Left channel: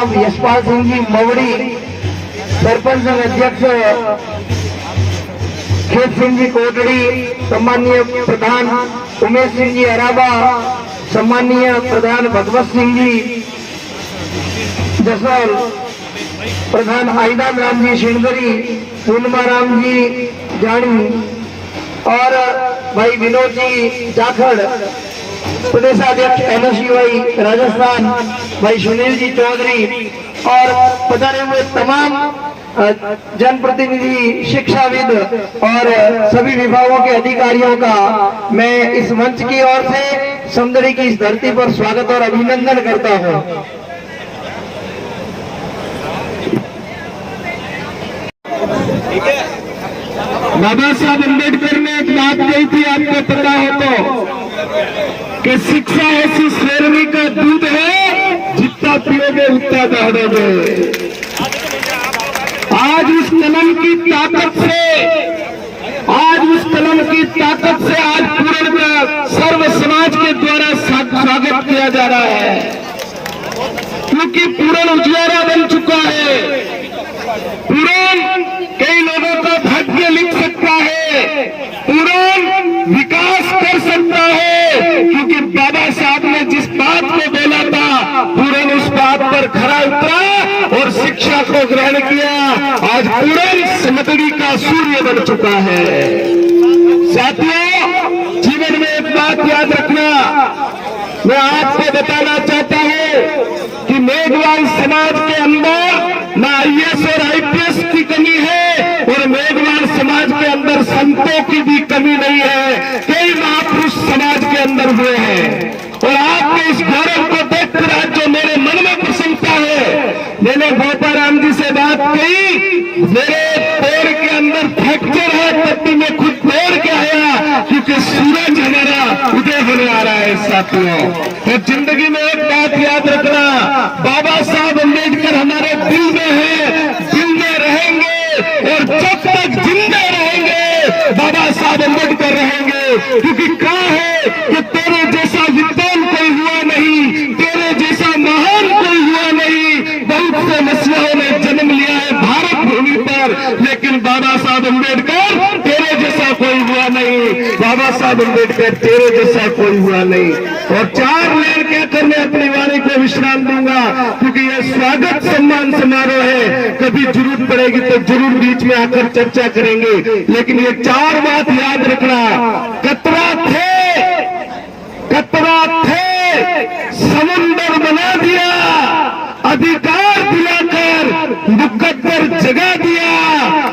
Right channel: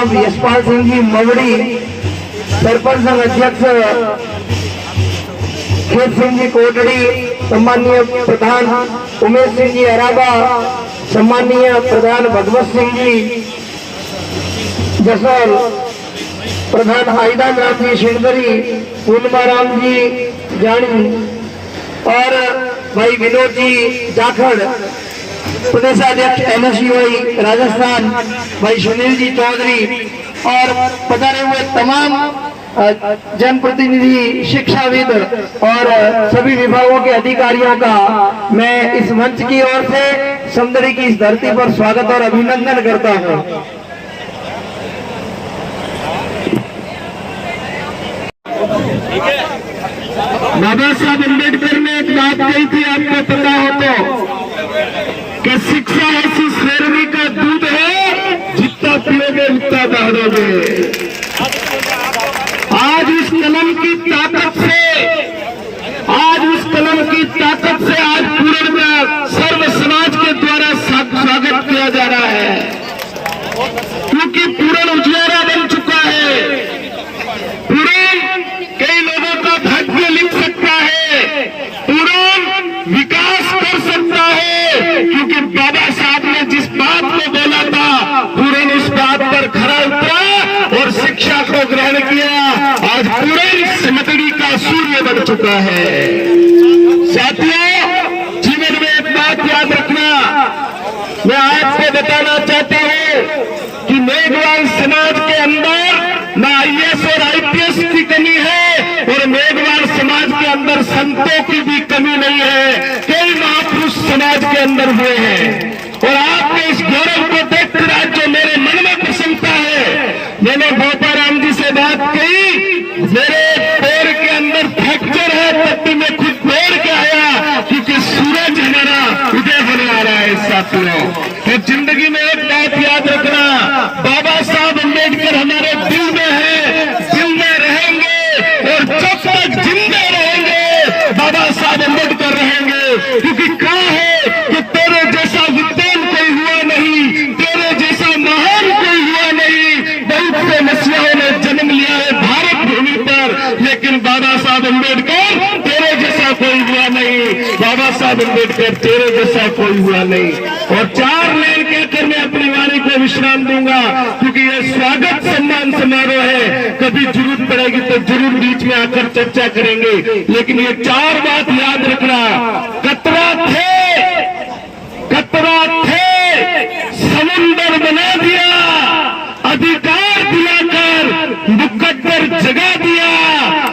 साहब यशपाल सिंह जी मवड़ी, सरपंच संघ अध्यक्ष खेत सिंह जी कोटड़ी, सम्मानीय प्रधान उमेश सिंह जी अराबा, सम्मानीय प्रधान भगवत सिंह जी जसर, प्रधान आयदा राम जी शेणगरी, पूर्णिमा राम जी जानी और भाई विनोद जी जाखड़, प्रदेशाध्यक्ष एनएसयू भाई राजस्थान भाई सुनील जी चौधरी और पधारे हुए तमाम जनप्रतिनिधि, शिक्षाविद और सभी विभागों के अधिकारियों का मैं इस मंच की ओर से सौंदर्य की इस धरती पर स्वागत और अभिनंदन करता हूं। बाबा साहब अम्बेडकर ने एक बात कही थी, आपको पता हो तो, कि शिक्षा ऐसी शेरनी का दूध है जितना पियोगे उतना दौड़ोगे। आज इस कलम की ताकत से, आज पूर्ण सर्व समाज के द्वारा स्वागत किया जा रहा है, क्योंकि पूर्ण उजियारा बन चुका है। पूर्ण कई लोगों का भाग्य लिख सकता है, पूर्ण विकास कर सकता है, क्योंकि बाबा साहब ने जिस बात को बोला था पूर्ण उस बात पर खरा उतरा और शिक्षा को ग्रहण किया। आज पूर्ण समतड़ी का सूर्य बन चुका है। साथियों, जीवन में एक बात याद रखना, मैं आपको बताना चाहता हूं कि मेघवाल समाज के अंदर न आईएएस और आईपीएस की कमी है और मेघवाल समाज के अंदर संतों की भी कमी नहीं है। कई महापुरुष समाज के अंदर हुए हैं और आपके इस गौरव को देखकर आज जो मेरे मन में प्रसन्नता है, मैंने बाबा राम जी से बात कही, मेरे पैर के अंदर फ्रैक्चर है तब भी मैं खुद दौड़ के आया, क्योंकि सूरज हमारा उदय होने आ रहा है। साथियों, तो जिंदगी में एक बात याद रखना, बाबा साहब अम्बेडकर हमारे दिल में है, दिल में रहेंगे और जब तक जिंदा रहेंगे बाबा साहब अम्बेडकर रहेंगे। क्योंकि क्या है कि तेरे जैसा विद्वान कोई हुआ नहीं, तेरे जैसा महान कोई हुआ नहीं। बहुत से मसीहों ने जन्म लिया है भारत भूमि पर, लेकिन बाबा साहब अम्बेडकर तेरे जैसा कोई हुआ नहीं। बाबा साहब अम्बेडकर तेरे जैसा कोई हुआ नहीं। और 4 लाइन कहकर मैं अपनी वाणी को विश्राम दूंगा, क्योंकि यह स्वागत सम्मान समारोह है। कभी जरूरत पड़ेगी तो जरूर बीच में आकर चर्चा करेंगे, लेकिन ये 4 बात याद रखना। कतरा थे समुंदर बना दिया, अधिकार दिलाकर मुकद्दर जगा दिया।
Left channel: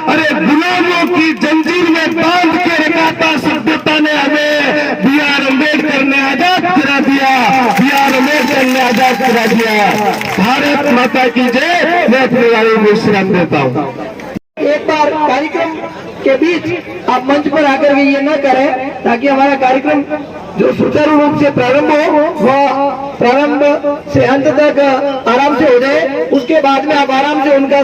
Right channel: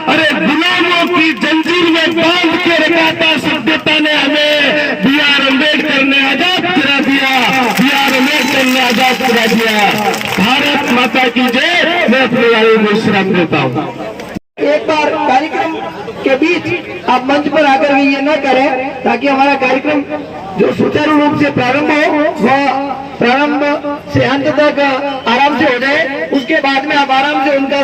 अरे गुलामों की जंजीर में बांध के रखा था सभ्यता ने हमें, बी आर अम्बेडकर ने आजाद करा दिया, बी आर अम्बेडकर ने आजाद करा दिया। भारत माता की जय। मैं अपने वाले को विश्राम देता हूँ। एक बार कार्यक्रम के बीच आप मंच पर आकर भी ये न करें, ताकि हमारा कार्यक्रम जो सुचारू रूप से प्रारंभ हो वह प्रारंभ से अंत तक आराम से हो जाए। उसके बाद में आप आराम से उनका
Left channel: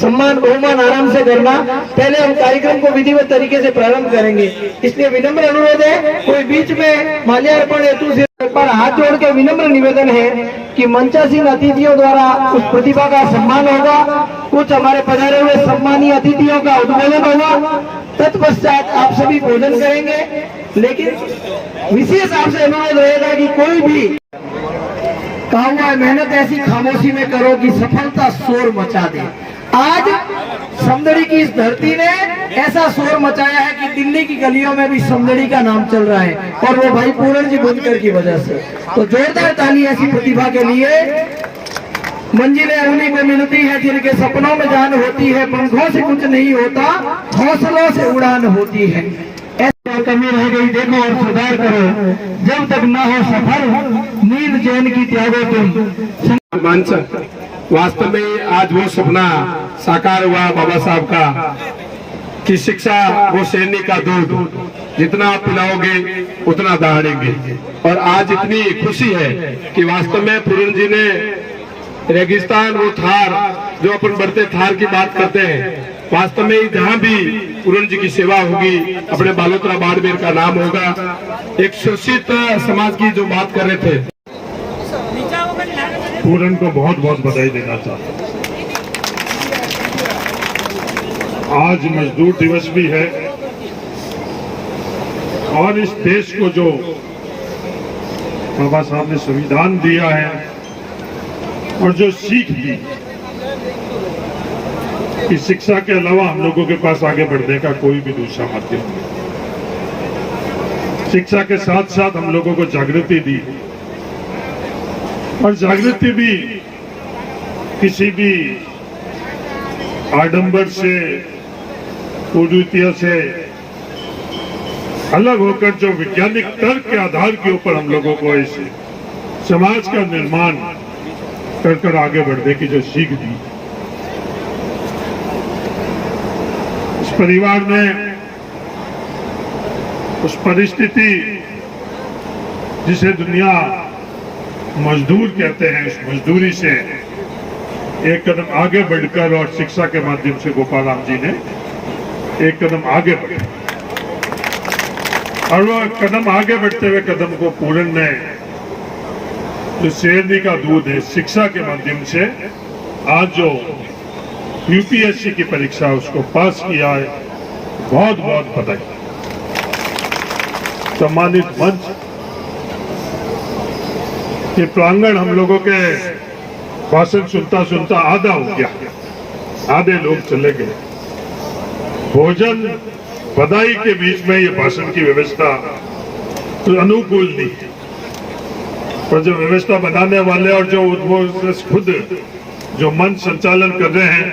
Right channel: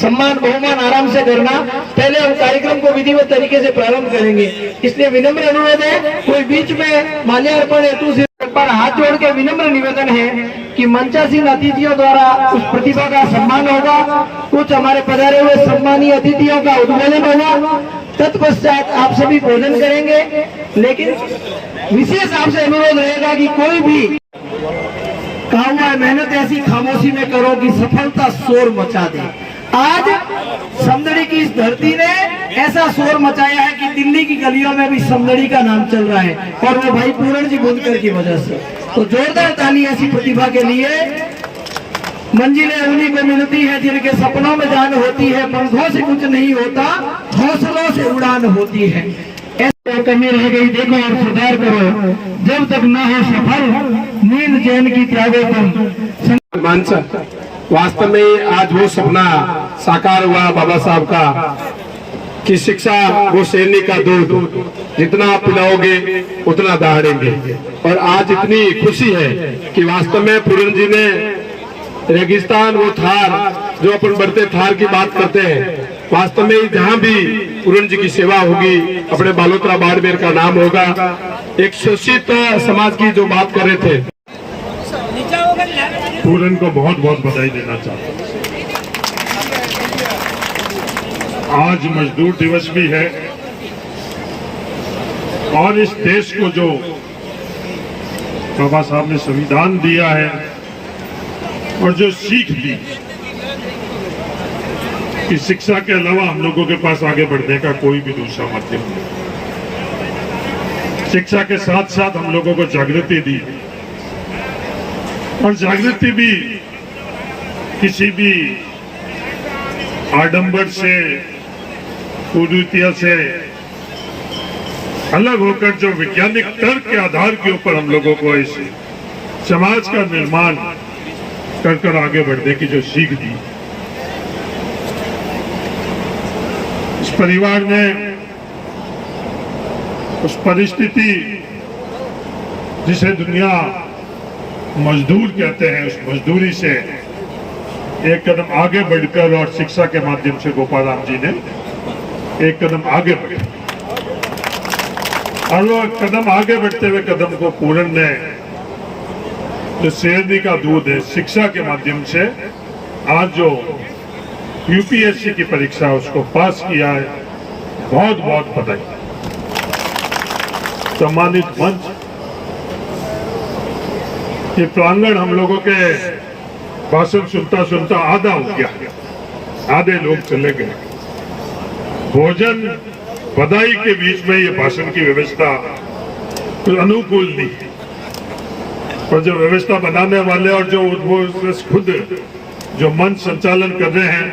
सम्मान बहुमान आराम से करना। पहले हम कार्यक्रम को विधिवत तरीके से प्रारंभ करेंगे, इसलिए विनम्र अनुरोध है, कोई बीच में माल्यार्पण हेतु से एक बार हाथ जोड़ के विनम्र निवेदन है कि मंचासीन अतिथियों द्वारा उस प्रतिभा का सम्मान होगा, कुछ हमारे पधारे हुए सम्मानीय अतिथियों का उद्बोधन होगा, तत्पश्चात आप सभी भोजन करेंगे। लेकिन विशेष आपसे अनुरोध रहेगा कि कोई भी काम हुआ मेहनत ऐसी खामोशी में करो कि सफलता शोर मचा दे। आज समदड़ी की इस धरती ने ऐसा शोर मचाया है कि दिल्ली की गलियों में भी समदड़ी का नाम चल रहा है, और वो भाई पूरण जी बुनकर की वजह से। तो जोरदार ताली ऐसी प्रतिभा के लिए। मंजिलें उन्हीं को मिलती है जिनके सपनों में जान होती है, पंखों से कुछ नहीं होता, हौसलों से उड़ान होती है। ऐसी कमी रह गई देखो और सुधार करो, जब तक न हो सफल नींद चैन की त्यागो तुम। वास्तव में आज वो सपना साकार हुआ बाबा साहब का कि शिक्षा वो शेरनी का दूध, जितना आप पिलाओगे उतना दहाड़ेंगे। और आज इतनी खुशी है कि वास्तव में पूरण जी ने रेगिस्तान, वो थार जो अपन बढ़ते थार की बात करते हैं, वास्तव में जहाँ भी पूरण जी की सेवा होगी अपने बालोतरा बाड़मेर का नाम होगा। एक शोषित समाज की जो बात कर रहे थे, पूरन को बहुत बहुत बधाई देना चाहता हूँ। आज मजदूर दिवस भी है और इस देश को जो बाबा साहब ने संविधान दिया है और जो सीख दी कि शिक्षा के अलावा हम लोगों के पास आगे बढ़ने का कोई भी दूसरा माध्यम नहीं। शिक्षा के साथ साथ हम लोगों को जागृति दी और जागृति भी किसी भी आडंबर से कुरीतियों से अलग होकर जो वैज्ञानिक तर्क के आधार के ऊपर हम लोगों को इस समाज का निर्माण कर आगे बढ़ने की जो सीख दी। इस परिवार ने उस परिस्थिति जिसे दुनिया मजदूर कहते हैं, उस मजदूरी से एक कदम आगे बढ़कर और शिक्षा के माध्यम से गोपाल राम जी ने एक कदम आगे बढ़े और वो कदम आगे बढ़ते हुए कदम को पूरन ने जो शेरनी का दूध है शिक्षा के माध्यम से आज जो यूपीएससी की परीक्षा उसको पास किया है, बहुत बहुत बधाई। सम्मानित मंच, ये प्रांगण हम लोगों के भाषण सुनता सुनता आधा हो गया, आधे लोग चले गए। भोजन बधाई के बीच में ये भाषण की व्यवस्था तो अनुकूल नहीं, पर जो व्यवस्था बनाने वाले और जो वो खुद जो मंच संचालन कर रहे हैं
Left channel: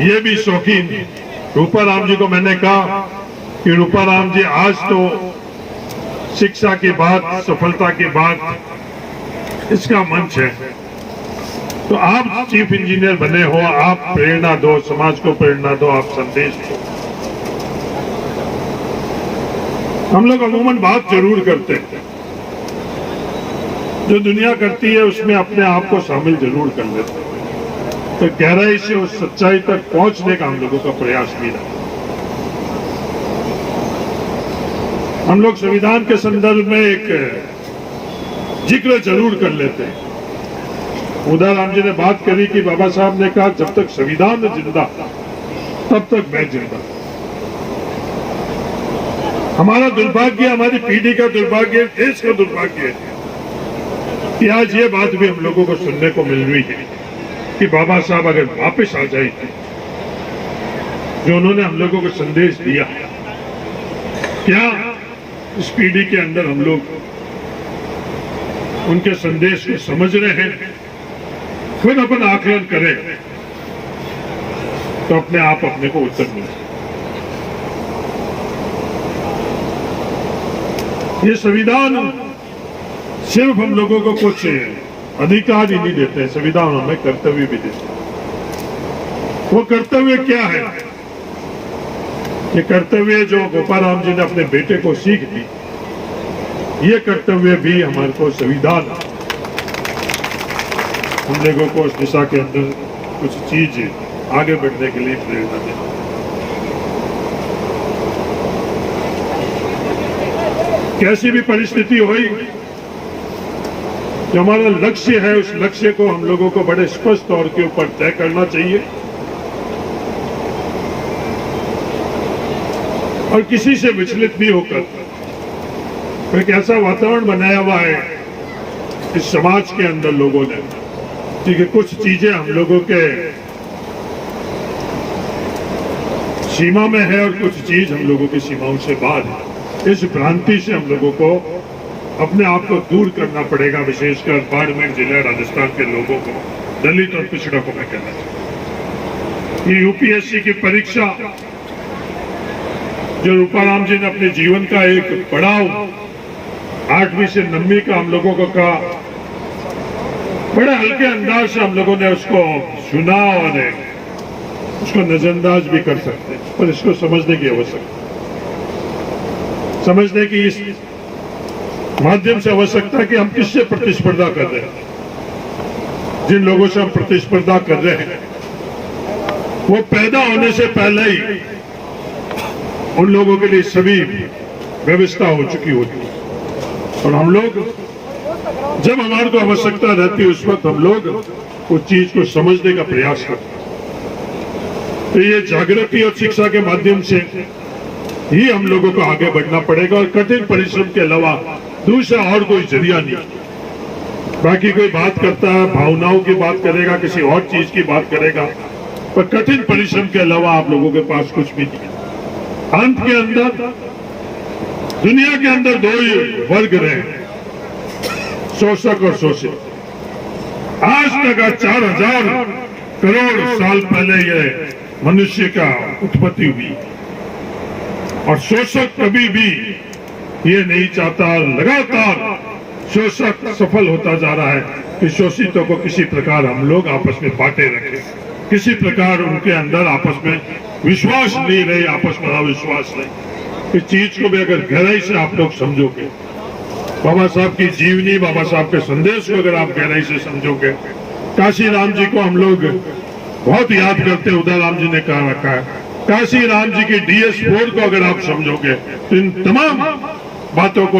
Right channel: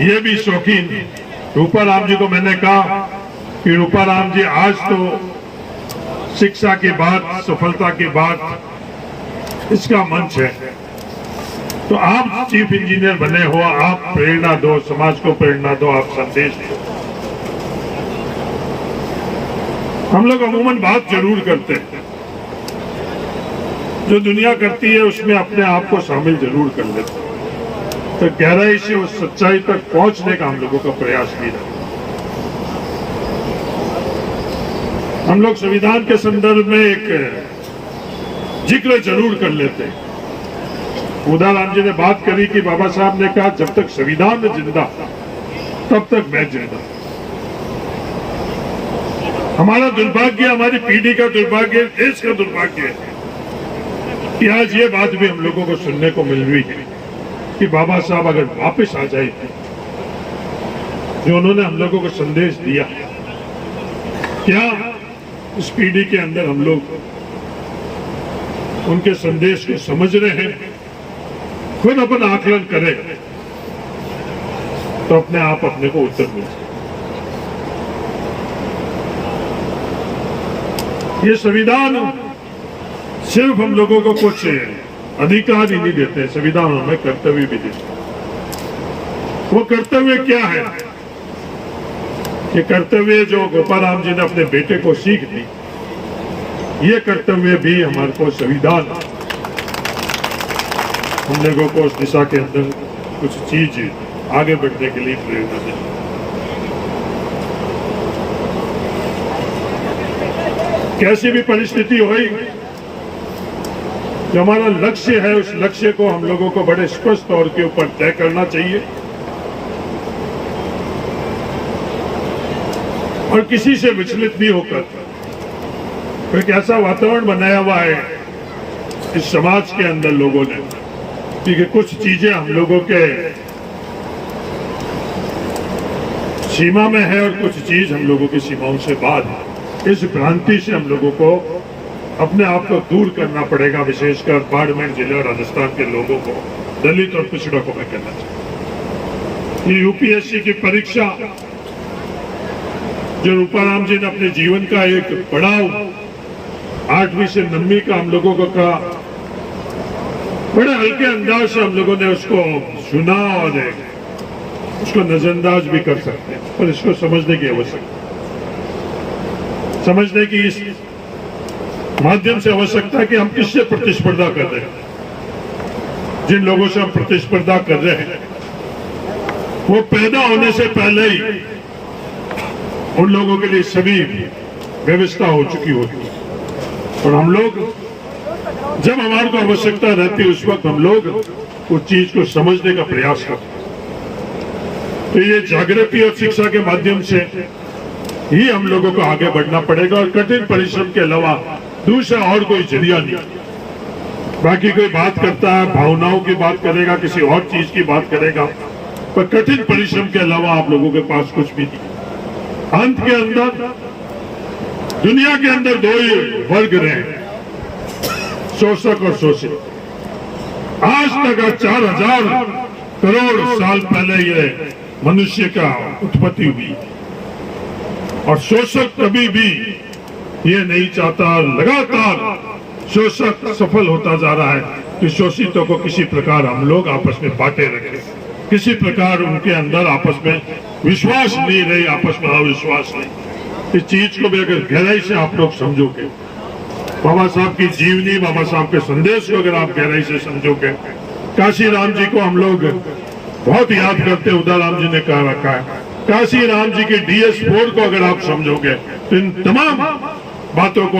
ये भी शौकीन। रूपाराम जी को मैंने कहा कि रूपाराम जी आज तो शिक्षा की बात, सफलता की बात इसका मंच है, तो आप चीफ इंजीनियर बने हो, आप प्रेरणा दो, समाज को प्रेरणा दो, आप संदेश दो। हम लोग अमूमन बात जरूर करते हैं, जो दुनिया करती है उसमें अपने आप को शामिल जरूर कर लेते हैं, तो गहराई से उस सच्चाई तक पहुंचने का हम लोगों का प्रयास नहीं है। हम लोग संविधान के संदर्भ में एक जिक्र जरूर कर लेते हैं। उदाराम जी ने बात करी कि बाबा साहब ने कहा जब तक संविधान में जिंदा तब तक मैं जिंदा। हमारा दुर्भाग्य, हमारी पीढ़ी का दुर्भाग्य, देश का दुर्भाग्य है कि आज ये बात भी हम लोगों को सुनने को मिल रही है कि बाबा साहब अगर वापस आ जाए, जो उन्होंने हम लोगों को संदेश दिया, क्या इस पीढ़ी के अंदर हम लोग उनके संदेश को समझ रहे हैं? खुद अपन आकलन करें तो अपने आप अपने को उत्तर मिले। ये संविधान सिर्फ हम लोगों को कुछ अधिकार ही नहीं देते, संविधान हमें कर्तव्य भी देते हैं। वो कर्तव्य क्या है? ये कर्तव्य जो गोपाराम जी ने अपने बेटे को सीख दी, ये कर्तव्य भी हमारे को संविधान हम लोगों को उस दिशा के अंदर कुछ चीज आगे बढ़ने के लिए प्रेरणा दे। कैसी भी परिस्थिति होई, जो हमारा लक्ष्य है उस लक्ष्य को हम लोगों को बड़े स्पष्ट तौर के ऊपर तय करना चाहिए और किसी से विचलित भी होकर एक ऐसा वातावरण बनाया हुआ है इस समाज के अंदर लोगों ने कि कुछ चीजें हम लोगों के सीमा में है और कुछ चीज हम लोगों की सीमाओं से बाहर है। इस भ्रांति से हम लोगों को अपने आप को दूर करना पड़ेगा, विशेषकर बाड़मेर जिला राजस्थान के लोगों को, दलित और पिछड़ों को मैं कहना चाहता। ये यूपीएससी की परीक्षा जो रूपाराम जी ने अपने जीवन का एक पड़ाव 8वीं से 9वीं का हम लोगों को कहा, बड़े हल्के अंदाज से हम लोगों ने उसको सुना और उसको नजरअंदाज भी कर सकते हैं, और इसको समझने की आवश्यकता, समझने की इस माध्यम से आवश्यकता है कि हम किससे प्रतिस्पर्धा कर रहे हैं। जिन लोगों से हम प्रतिस्पर्धा कर रहे हैं वो पैदा होने से पहले ही उन लोगों के लिए सभी व्यवस्था हो चुकी होती है, और हम लोग जब हमारे को आवश्यकता रहती है उस वक्त हम लोग उस चीज को समझने का प्रयास करते हैं। तो ये जागृति और शिक्षा के माध्यम से ही हम लोगों को आगे बढ़ना पड़ेगा और कठिन परिश्रम के अलावा दूसरा और कोई जरिया नहीं। बाकी कोई बात करता है, भावनाओं की बात करेगा, किसी और चीज की बात करेगा, पर कठिन परिश्रम के अलावा आप लोगों के पास कुछ भी नहीं। अंत के अंदर दुनिया के अंदर दो ही वर्ग रहे, शोषक और शोषित। आज तक 4000 करोड़ साल पहले ये मनुष्य का उत्पत्ति हुई और शोषक कभी भी ये नहीं चाहता, लगातार शोषक सफल होता जा रहा है कि शोषितों को किसी प्रकार हम लोग आपस में बांटे रखें, किसी प्रकार उनके अंदर आपस में विश्वास नहीं रहे, आपस में अविश्वास नहीं। इस चीज को भी अगर गहराई से आप लोग समझोगे, बाबा साहब की जीवनी, बाबा साहब के संदेश को अगर आप गहराई से समझोगे, काशी राम जी को हम लोग बहुत याद करते हैं, उदय राम जी ने कहा रखा है, काशी राम जी के DS4 को अगर आप समझोगे तो इन तमाम बातों को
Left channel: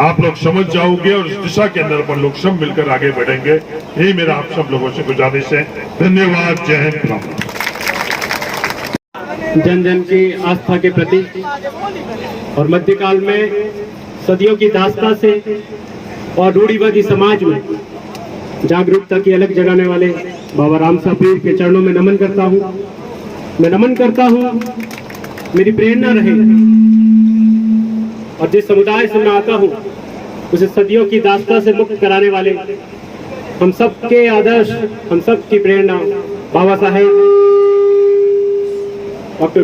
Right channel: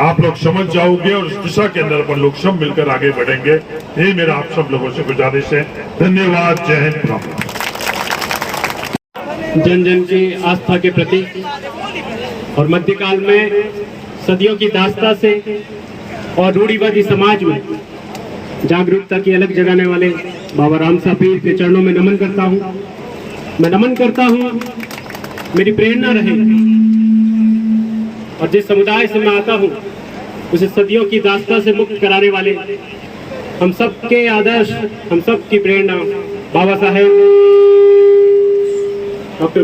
आप लोग समझ जाओगे और इस दिशा के अंदर अपन लोग सब मिलकर आगे बढ़ेंगे। यही मेरा आप सब लोगों से गुजारिश है। धन्यवाद। जय हिंद। राम। जन जन की आस्था के प्रति और मध्यकाल में सदियों की दास्ता से और रूढ़िवादी समाज में जागरूकता की अलग जगाने वाले बाबा राम साहब पीर के चरणों में नमन करता हूँ। मैं नमन करता हूँ, मेरी प्रेरणा रहे और जिस समुदाय से मैं आता हूँ उसे सदियों की दास्ता से मुक्त कराने वाले हम सब के आदर्श, हम सब की प्रेरणा बाबा साहेब डॉक्टर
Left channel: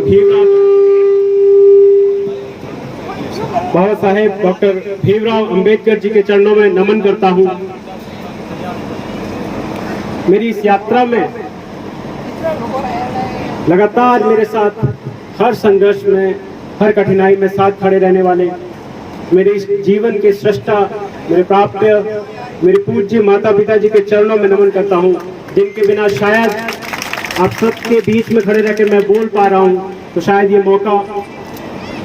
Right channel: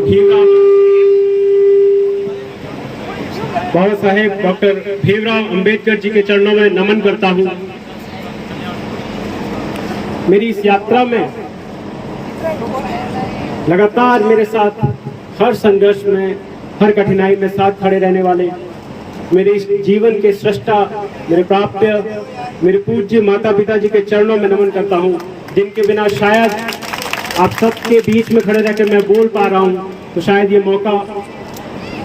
भीमराव अंबेडकर जी के चरणों में नमन करता हूँ। मेरी इस यात्रा में लगातार मेरे साथ हर संघर्ष में, हर कठिनाई में साथ खड़े रहने वाले मेरे इस जीवन के सृष्टा, मेरे प्राप्य, मेरे पूज्य माता पिता जी के चरणों में नमन करता हूँ, जिनके बिना शायद आप सबके बीच में खड़े रहकर मैं बोल पा रहा हूँ तो शायद ये मौका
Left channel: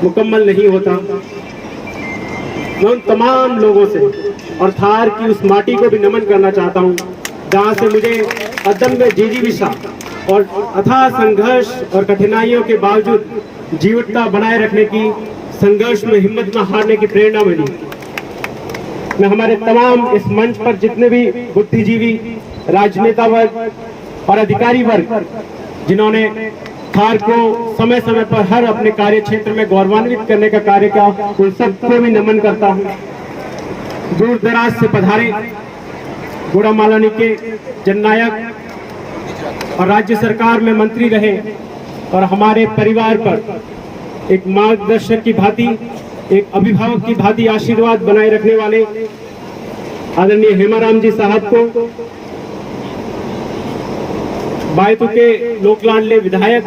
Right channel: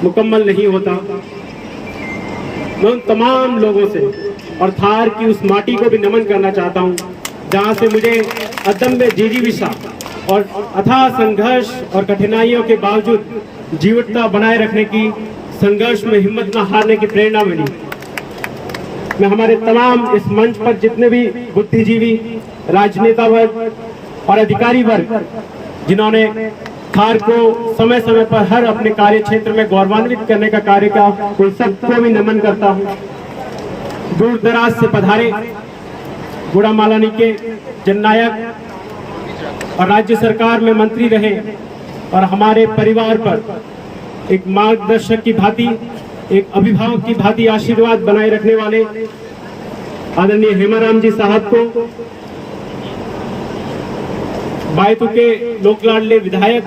मुकम्मल नहीं होता। मैं उन तमाम लोगों से और थार की उस माटी को भी नमन करना चाहता हूँ जहाँ से मुझे अदम्य जिजीविषा और अथाह संघर्ष और कठिनाइयों के बावजूद जीवटता बनाए रखने की, संघर्ष में हिम्मत न हारने की प्रेरणा मिली। मैं हमारे तमाम इस मंच पर जितने भी बुद्धिजीवी, राजनेता वर्ग और अधिकारी वर्ग जिन्होंने थार को समय समय पर हर अपने कार्य क्षेत्र में गौरवान्वित करने का कार्य किया, उन सबको भी नमन करता हूँ। दूर दराज से पधारे गुड़ा मालानी के जननायक और राज्य सरकार में मंत्री रहे और हमारे परिवार पर एक मार्गदर्शक की भांति, एक अभिभावक की भांति आशीर्वाद बनाए रखने वाले आदरणीय हेमाराम जी साहब को, बायतू के लोक लाडले विधायक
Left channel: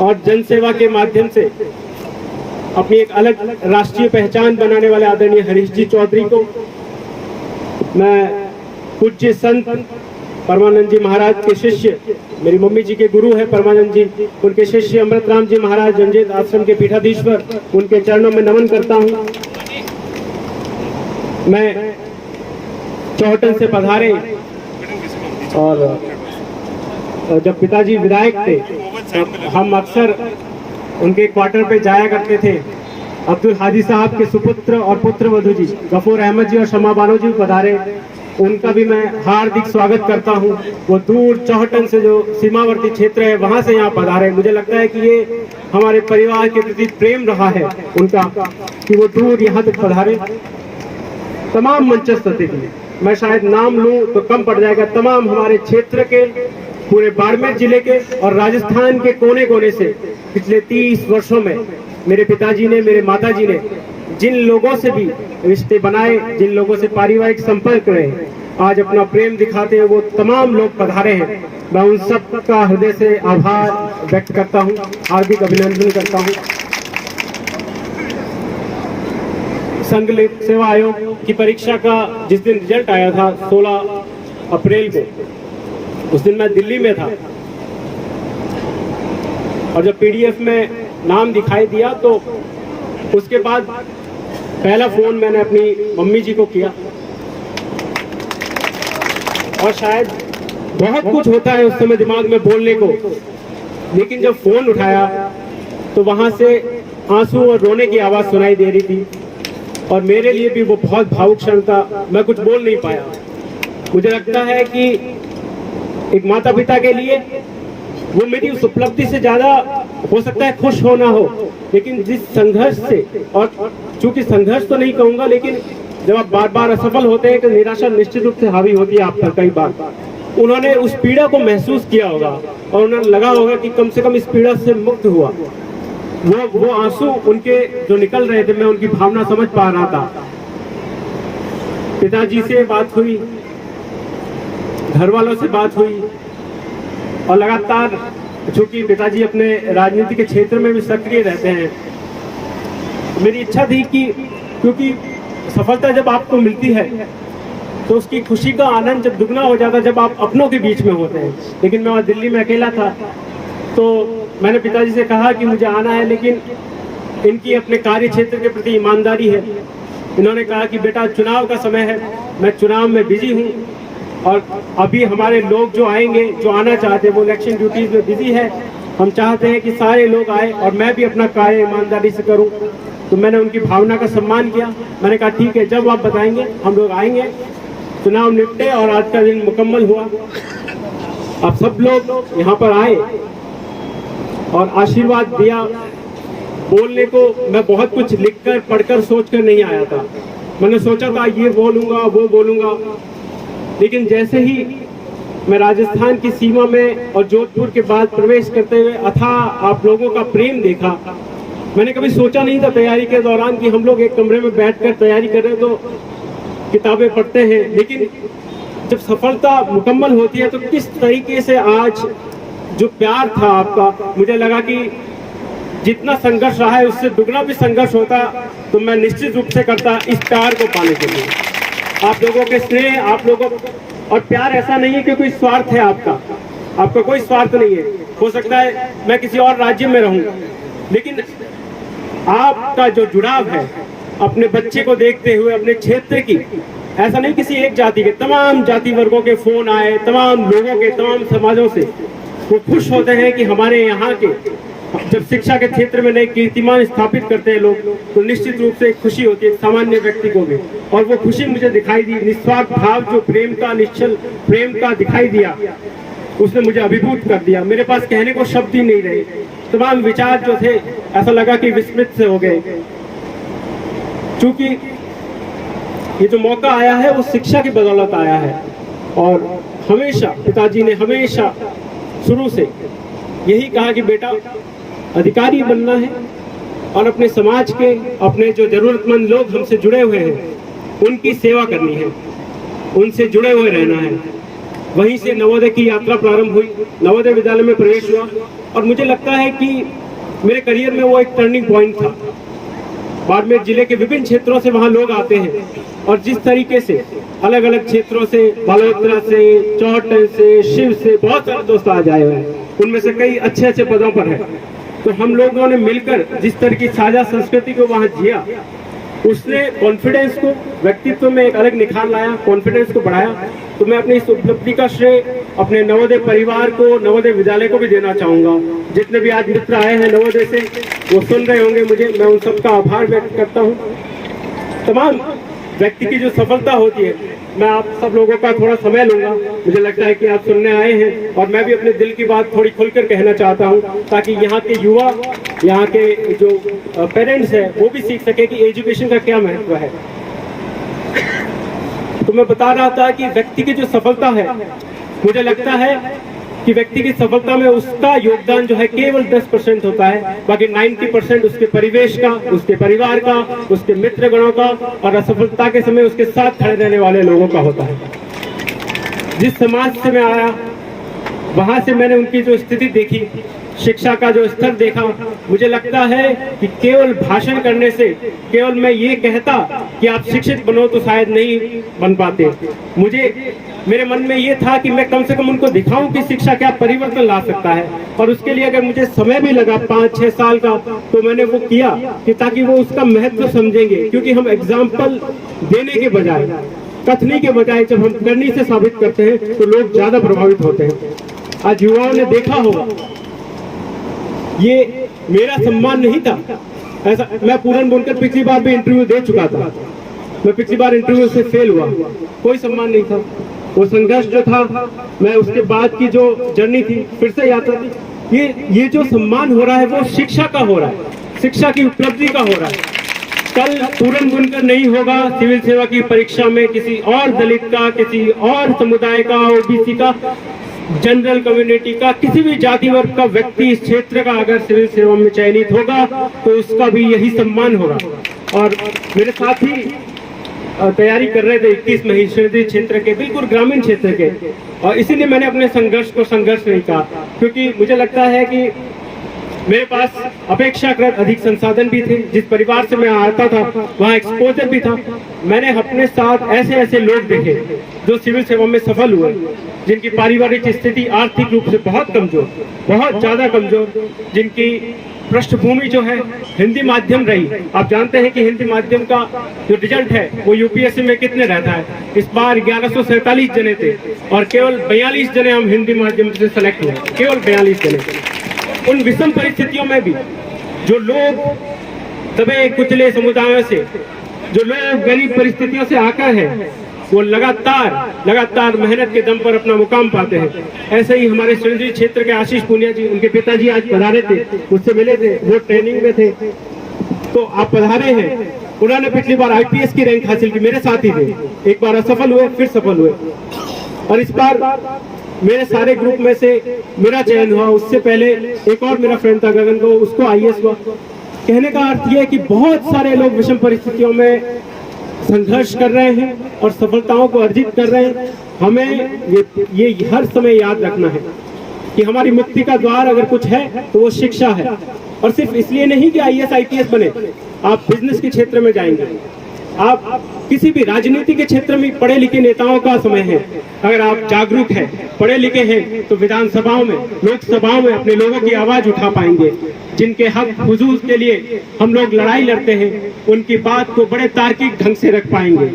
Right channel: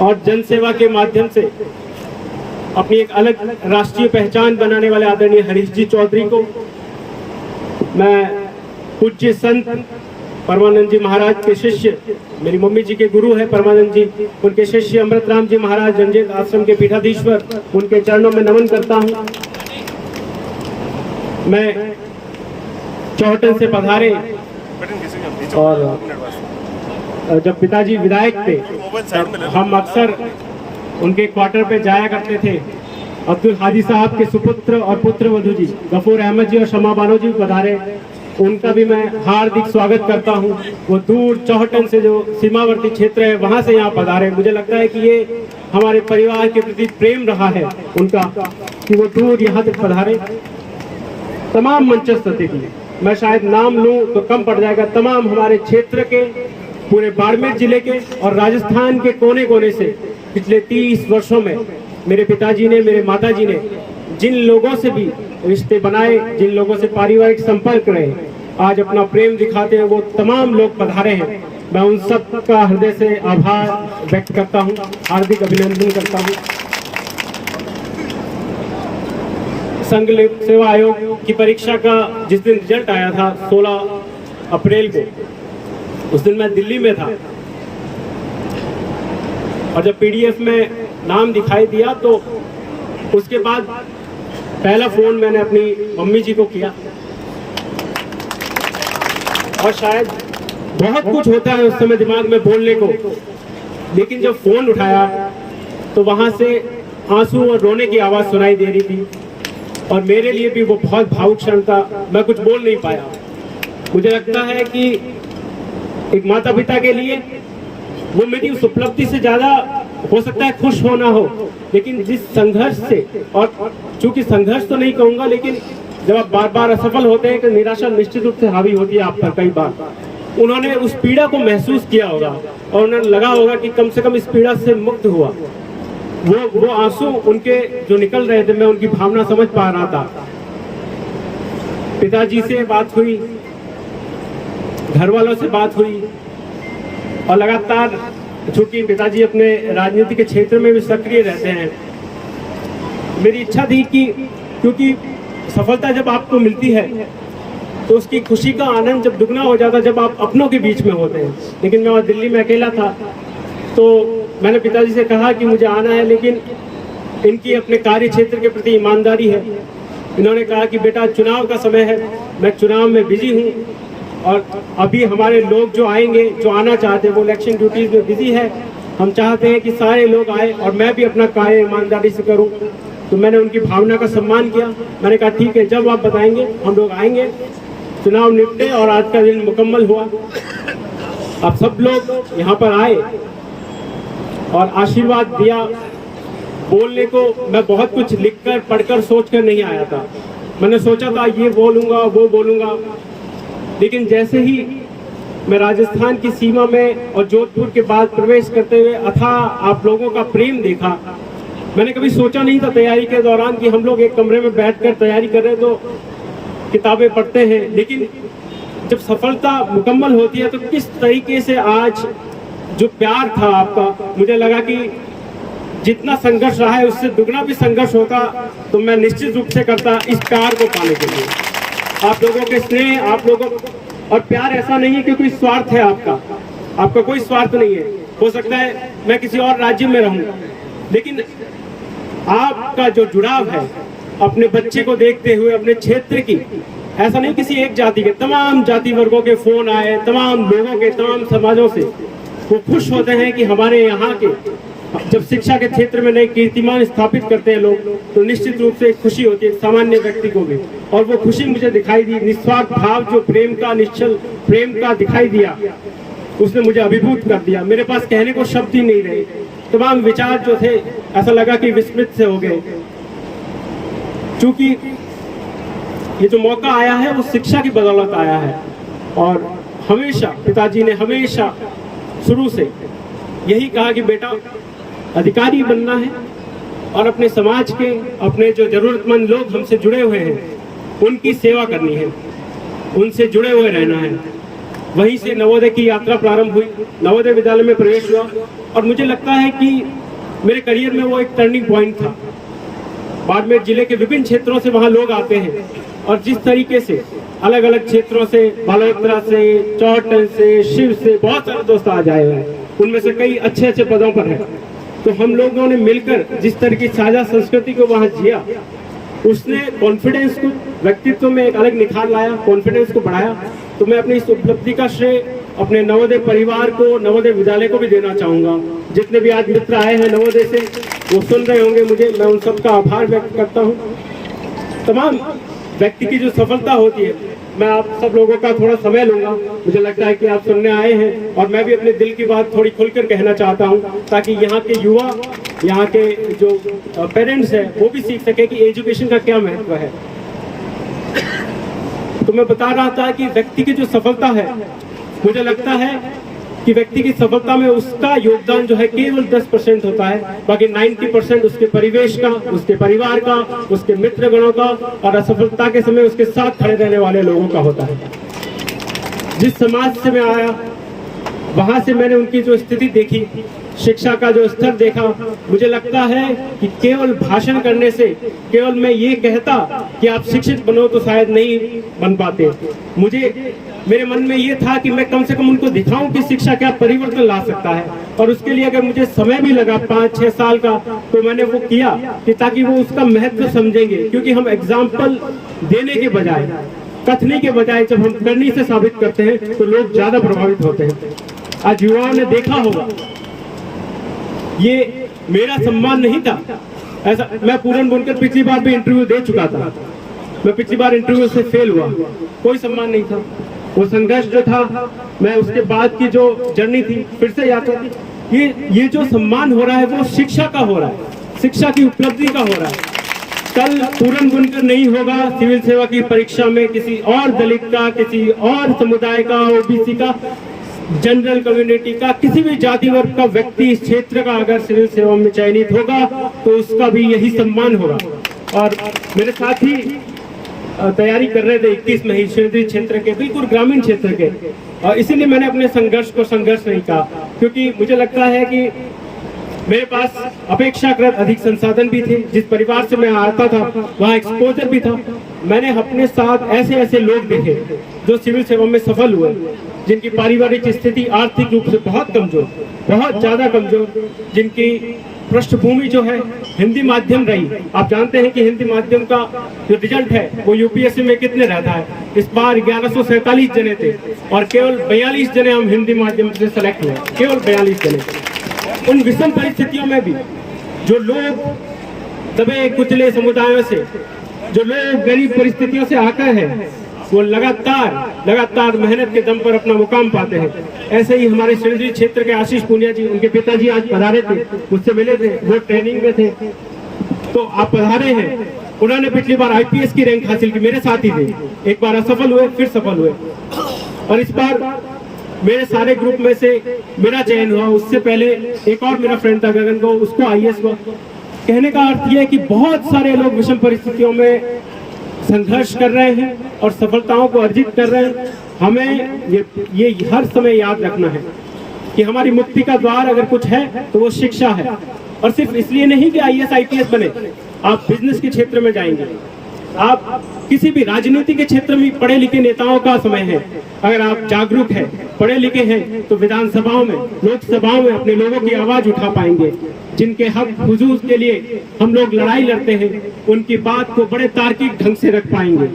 और जनसेवा के माध्यम से अपनी एक अलग राष्ट्रीय पहचान बनाने वाले आदरणीय हरीश जी चौधरी को, मैं पूज्य संत परमानंद जी महाराज के शिष्य, मेरी मम्मी जी के गुरु है परमानंद जी, उनके शिष्य अमृत राम जी महाराज जंजेत आश्रम के पीठाधीश्वर, उनके चरणों में नमन करता हूँ। मैं चौहटन से पधारे और जब पिताजी विधायक थे हम अक्सर उनके क्वार्टर पे जाया करते थे। अब्दुल हादी साहब के सुपुत्र और पुत्र वधू जी गफूर अहमद जी और शमा बानो जी पधारे, उनका भी मैं हार्दिक स्वागत करता हूं। वो दूर चौहटन से जो सीमावर्ती क्षेत्र है वहां से यहाँ पधारे। मुझे लगता है कि ये हमारे परिवार के प्रति प्रेम रहा है उनका कि वो दूर यहाँ तक पधारे। तमाम मंचस्थ अतिथि, मैं शायद नाम लूं तो कम पड़ जाएगा, तमाम हमारे क्षेत्र के, पूरे बाड़मेर जिले के और राजस्थान के कोने कोने से पिछले 30 वर्षों में मेरे पिताजी ने, मेरे माताजी ने जिन लोगों से भी रिश्ते बनाए, जिन लोगों से पारिवारिक संपर्क रहे, आज अपना प्रेम दिखाते हैं वो तमाम लोग पधारे हैं। मैं उन सब का हृदय से आभार व्यक्त करता हूं, हार्दिक अभिनंदन करता हूं। संघ सेवा आयोग की परीक्षा का जिस दिन रिजल्ट आया था 16 अप्रैल को, उस दिन मैं दिल्ली में था और जब PDF में नाम दिखाई दिया तो उसके बाद पहला फोन मैंने अपनी मम्मी जी को किया और शायद बहुत कुछ होता है उस समय दिमाग में बोलने को, लेकिन जब फोन उठाया तो वहां से आंसू और रोने की आवाज सुनाई दे रही थी और मेरे लिए भी वो बहुत भावुक क्षण था। मैं कुछ बोल नहीं पाया। मुझे लगता है कि एक माता पिता के लिए वो मेरी उस उपलब्धि से ज्यादा हो सकता है खुश होना हो, लेकिन जिस संघर्ष से, और चूंकि संघर्ष तो नहीं कहूंगा, लेकिन जब आप बार बार असफल होते हैं तो निराशा निश्चित रूप से हावी होती है आप पर कई बार। उन्होंने उस पीड़ा को महसूस किया होगा और उन्हें लगा होगा कि कम से कम इस पीड़ा से मुक्त हुआ। वो आंसू उनके जो निकल रहे थे, मैं उनकी भावना समझ पा रहा था। पिताजी से बात हुई, घर वालों से बात हुई और लगातार, चूंकि पिताजी अपने राजनीति के क्षेत्र में भी सक्रिय रहते हैं, मेरी इच्छा थी कि क्योंकि सफलता जब आपको मिलती है तो उसकी खुशी का आनंद जब दुगना हो जाता है जब आप अपनों के बीच में होते हैं। लेकिन मैं वहाँ दिल्ली में अकेला था, तो मैंने पिताजी से कहा कि मुझे आना है, लेकिन इनकी अपने कार्य क्षेत्र के प्रति ईमानदारी है। इन्होंने कहा कि बेटा चुनाव का समय है, मैं चुनाव में बिजी हूँ और अभी हमारे लोग जो आएंगे, जो आना चाहते हैं, वो इलेक्शन ड्यूटीज में बिजी है। हम चाहते हैं कि सारे लोग आए और मैं भी अपना कार्य ईमानदारी से करूँ। तो मैंने उनकी भावना का सम्मान किया। मैंने कहा ठीक है, जब आप बताएंगे हम लोग आएंगे। चुनाव निपटे और आज का दिन मुकम्मल हुआ। अब सब लोग यहाँ पर आए और आशीर्वाद दिया। बोलने को मैं बहुत कुछ लिखकर पढ़कर सोचकर नहीं आया था। मैंने सोचा था ये बोलूंगा वो बोलूंगा, लेकिन जैसे ही मैं राजस्थान की सीमा में और जोधपुर के बाद प्रवेश करते हुए अथाह आप लोगों का प्रेम देखा, मैंने कभी सोचा नहीं था तैयारी के दौरान कि हम लोग एक कमरे में बैठकर तैयारी कर रहे हैं तो किताबें पढ़ते हैं, लेकिन जब सफलता मुकम्मल होती है तो किस तरीके से आज जो प्यार था आपका, मुझे लगा कि जितना संघर्ष रहा है उससे दुगना भी संघर्ष होता तो मैं निश्चित रूप से करता इस प्यार को पाने के लिए। आप लोगों के स्नेह, आप लोगों, और प्यार ऐसा नहीं है कि कोई स्वार्थ है आपका कोई स्वार्थ नहीं है। हो सकता है मैं किसी और राज्य में रहूं, लेकिन आपका जो जुड़ाव है अपने बच्चे को देखते हुए, अपने क्षेत्र की, ऐसा नहीं किसी एक जाति के, तमाम जाति वर्गों के फोन आए, तमाम लोगों के, तमाम समाजों से वो खुश होते हैं कि हमारे यहाँ के जब शिक्षा के क्षेत्र में नए कीर्तिमान स्थापित करते हैं लोग, तो निश्चित रूप से एक खुशी होती है सामान्य व्यक्ति को भी। और वो खुशी मुझे दिखाई दी। निस्वार्थ भाव जो प्रेम का, निश्चल प्रेम का दिखाई दिया, उसने मुझे अभिभूत कर दिया। मेरे पास कहने को शब्द ही नहीं रहे। तमाम विचार जो थे ऐसा लगा कि विस्मृत से हो गए। चूंकि ये जो मौका आया है वो शिक्षा की बदौलत आया है, और हमेशा पिताजी ने हमेशा शुरू से यही कहा कि बेटा अधिकारी बनना है और अपने समाज के, अपने जो जरूरतमंद लोग हमसे जुड़े हुए हैं उनकी सेवा करनी है, उनसे जुड़े हुए रहना है। वहीं से नवोदय की यात्रा प्रारंभ हुई, नवोदय विद्यालय में प्रवेश हुआ और मुझे लगता है कि मेरे करियर में वो एक टर्निंग पॉइंट था। बाड़मेर जिले के विभिन्न क्षेत्रों से वहाँ लोग आते हैं और जिस तरीके से अलग अलग क्षेत्रों से, बलोत्रा से, चौहटन से, शिव से बहुत सारे दोस्त आ जाए हुए हैं, उनमें से कई अच्छे अच्छे पदों पर हैं। तो हम लोगों ने मिलकर जिस तरह की साझा संस्कृति को वहाँ जिया, उसने कॉन्फिडेंस को, व्यक्तित्व में एक अलग निखार लाया, कॉन्फिडेंस को बढ़ाया। तो मैं अपनी इस उपलब्धि का श्रेय अपने नवोदय परिवार को, नवोदय विद्यालय को भी देना चाहूंगा। जितने भी आज मित्र आए हैं नवोदय से, वो सुन रहे होंगे मुझे, मैं उन सबका आभार व्यक्त करता हूँ। तमाम व्यक्ति की जो सफलता होती है, मैं आप सब लोगों का थोड़ा समय लूंगा। मुझे लगता है कि आप सुनने आए हैं और मैं भी अपने दिल की बात थोड़ी खुलकर कहना चाहता हूं, ताकि यहाँ के युवा, यहाँ के जो पेरेंट्स हैं वो भी सीख सके कि एजुकेशन का क्या महत्व है। तो मैं बता रहा था कि व्यक्ति की जो सफलता है, मुझे लगता है कि व्यक्ति की सफलता में उसका योगदान जो है केवल 10% होता है, बाकी 90% उसके परिवेश का, उसके परिवार का, उसके मित्रगणों का और असफलता के समय उसके साथ खड़े रहने वाले लोगों का होता है। जिस समाज से मैं आया, वहां से मैंने उनकी जो स्थिति देखी, शिक्षा का जो स्तर देखा, मुझे लगता है कि केवल भाषण करने से, केवल मैं ये कहता कि आप शिक्षित बनो तो शायद नहीं बन पाते। मेरे मन में ये था कि मैं कम से कम उनको दिखाऊं कि शिक्षा क्या परिवर्तन ला सकता है, और उसके लिए अगर मुझे समय भी लगा 5-6 साल का, तो मैंने वो किया कि ताकि वो उसका महत्व समझेंगे। क्योंकि हम एग्जाम्पल देने के बजाय कथनी के बजाय जब हम करनी से साबित करते हैं तो लोग ज्यादा प्रभावित होते हैं। आज युवाओं ने देखा होगा, ये मेरा सम्मान नहीं था। ऐसा मैं पूरन बुनकर पिछली बार भी इंटरव्यू दे चुका था, मैं पिछली बार इंटरव्यू से फेल हुआ, कोई सम्मान नहीं था। वो संघर्ष जो था, मैं उसके बाद की जो जर्नी थी, फिर से यात्रा थी, ये जो सम्मान हो रहा है वो शिक्षा का हो रहा है, शिक्षा की उपलब्धि का हो रहा है। कल पूरन बुनकर नहीं होगा, सिविल सेवा की परीक्षा में किसी और दलित का, किसी और समुदाय का, ओबीसी का, जनरल कम्युनिटी का, किसी भी जाति वर्ग का व्यक्ति इस क्षेत्र का अगर सिविल सेवा में चयनित होगा तो उसका भी यही सम्मान होगा। और मेरे साथ ही तैयारी कर रहे थे 21 महेश्वरी क्षेत्र के, बिल्कुल ग्रामीण क्षेत्र के, और इसीलिए मैंने अपने संघर्ष को संघर्ष नहीं कहा, क्योंकि मुझे लगता है कि मेरे पास अपेक्षाकृत अधिक संसाधन भी थे। जिस परिवार से मैं आता था वहाँ एक्सपोजर भी था। मैंने अपने साथ ऐसे ऐसे लोग देखे जो सिविल सेवा में सफल हुए, जिनकी पारिवारिक स्थिति आर्थिक रूप से बहुत कमजोर, बहुत ज्यादा कमजोर, जिनकी पृष्ठभूमि जो है हिंदी माध्यम रही। आप जानते हैं कि हिंदी माध्यम का जो रिजल्ट है वो यूपीएससी में कितने रहता है। इस बार 1147 जने थे और केवल 42 जने हम हिंदी माध्यम से सेलेक्ट हुए, केवल 42 जने। उन विषम परिस्थितियों में भी जो लोग दबे कुचले समुदायों से, जो लोग गरीब परिस्थितियों से आकर है, वो लगातार मेहनत के दम पर अपना मुकाम पाते हैं। ऐसे ही हमारे सिंधी क्षेत्र के आशीष पुनिया जी, उनके पिताजी आज पधारे थे, मुझसे मिले थे, वो ट्रेनिंग में थे, तो आप पधारे हैं। उन्होंने पिछली बार आईपीएस की रैंक हासिल की, मेरे साथ ही थे, एक बार असफल हुए, फिर सफल हुए, और इस बार मेरे सारे ग्रुप में से मेरा चयन हुआ। उससे पहले एक और मेरा फ्रेंड था गगन को, उसको आईएएस हुआ। कहने का अर्थ यह है कि बहुत सारे लोग विषम परिस्थितियों में संघर्ष कर रहे हैं और सफलताओं को अर्जित कर रहे हैं। हमें ये हर समय याद रखना है कि हमारी मुक्ति का द्वार अगर कुछ है तो वो शिक्षा है। और सिर्फ इसलिए नहीं कि आईएएस आईपीएस बने, आप बिजनेस के क्षेत्र में जाएंगे, आप किसी भी राजनीति के क्षेत्र में पढ़े लिखे नेताओं का समय है। अगर आप जागरूक हैं, पढ़े लिखे हैं, तो विधानसभाओं में, लोकसभाओं में अपने लोगों की आवाज उठा पाएंगे। जिनके हक हुजूर के लिए हम लोग लड़ाई लड़ते हैं, उनकी बात को बड़े तार्किक ढंग से रख पाएंगे।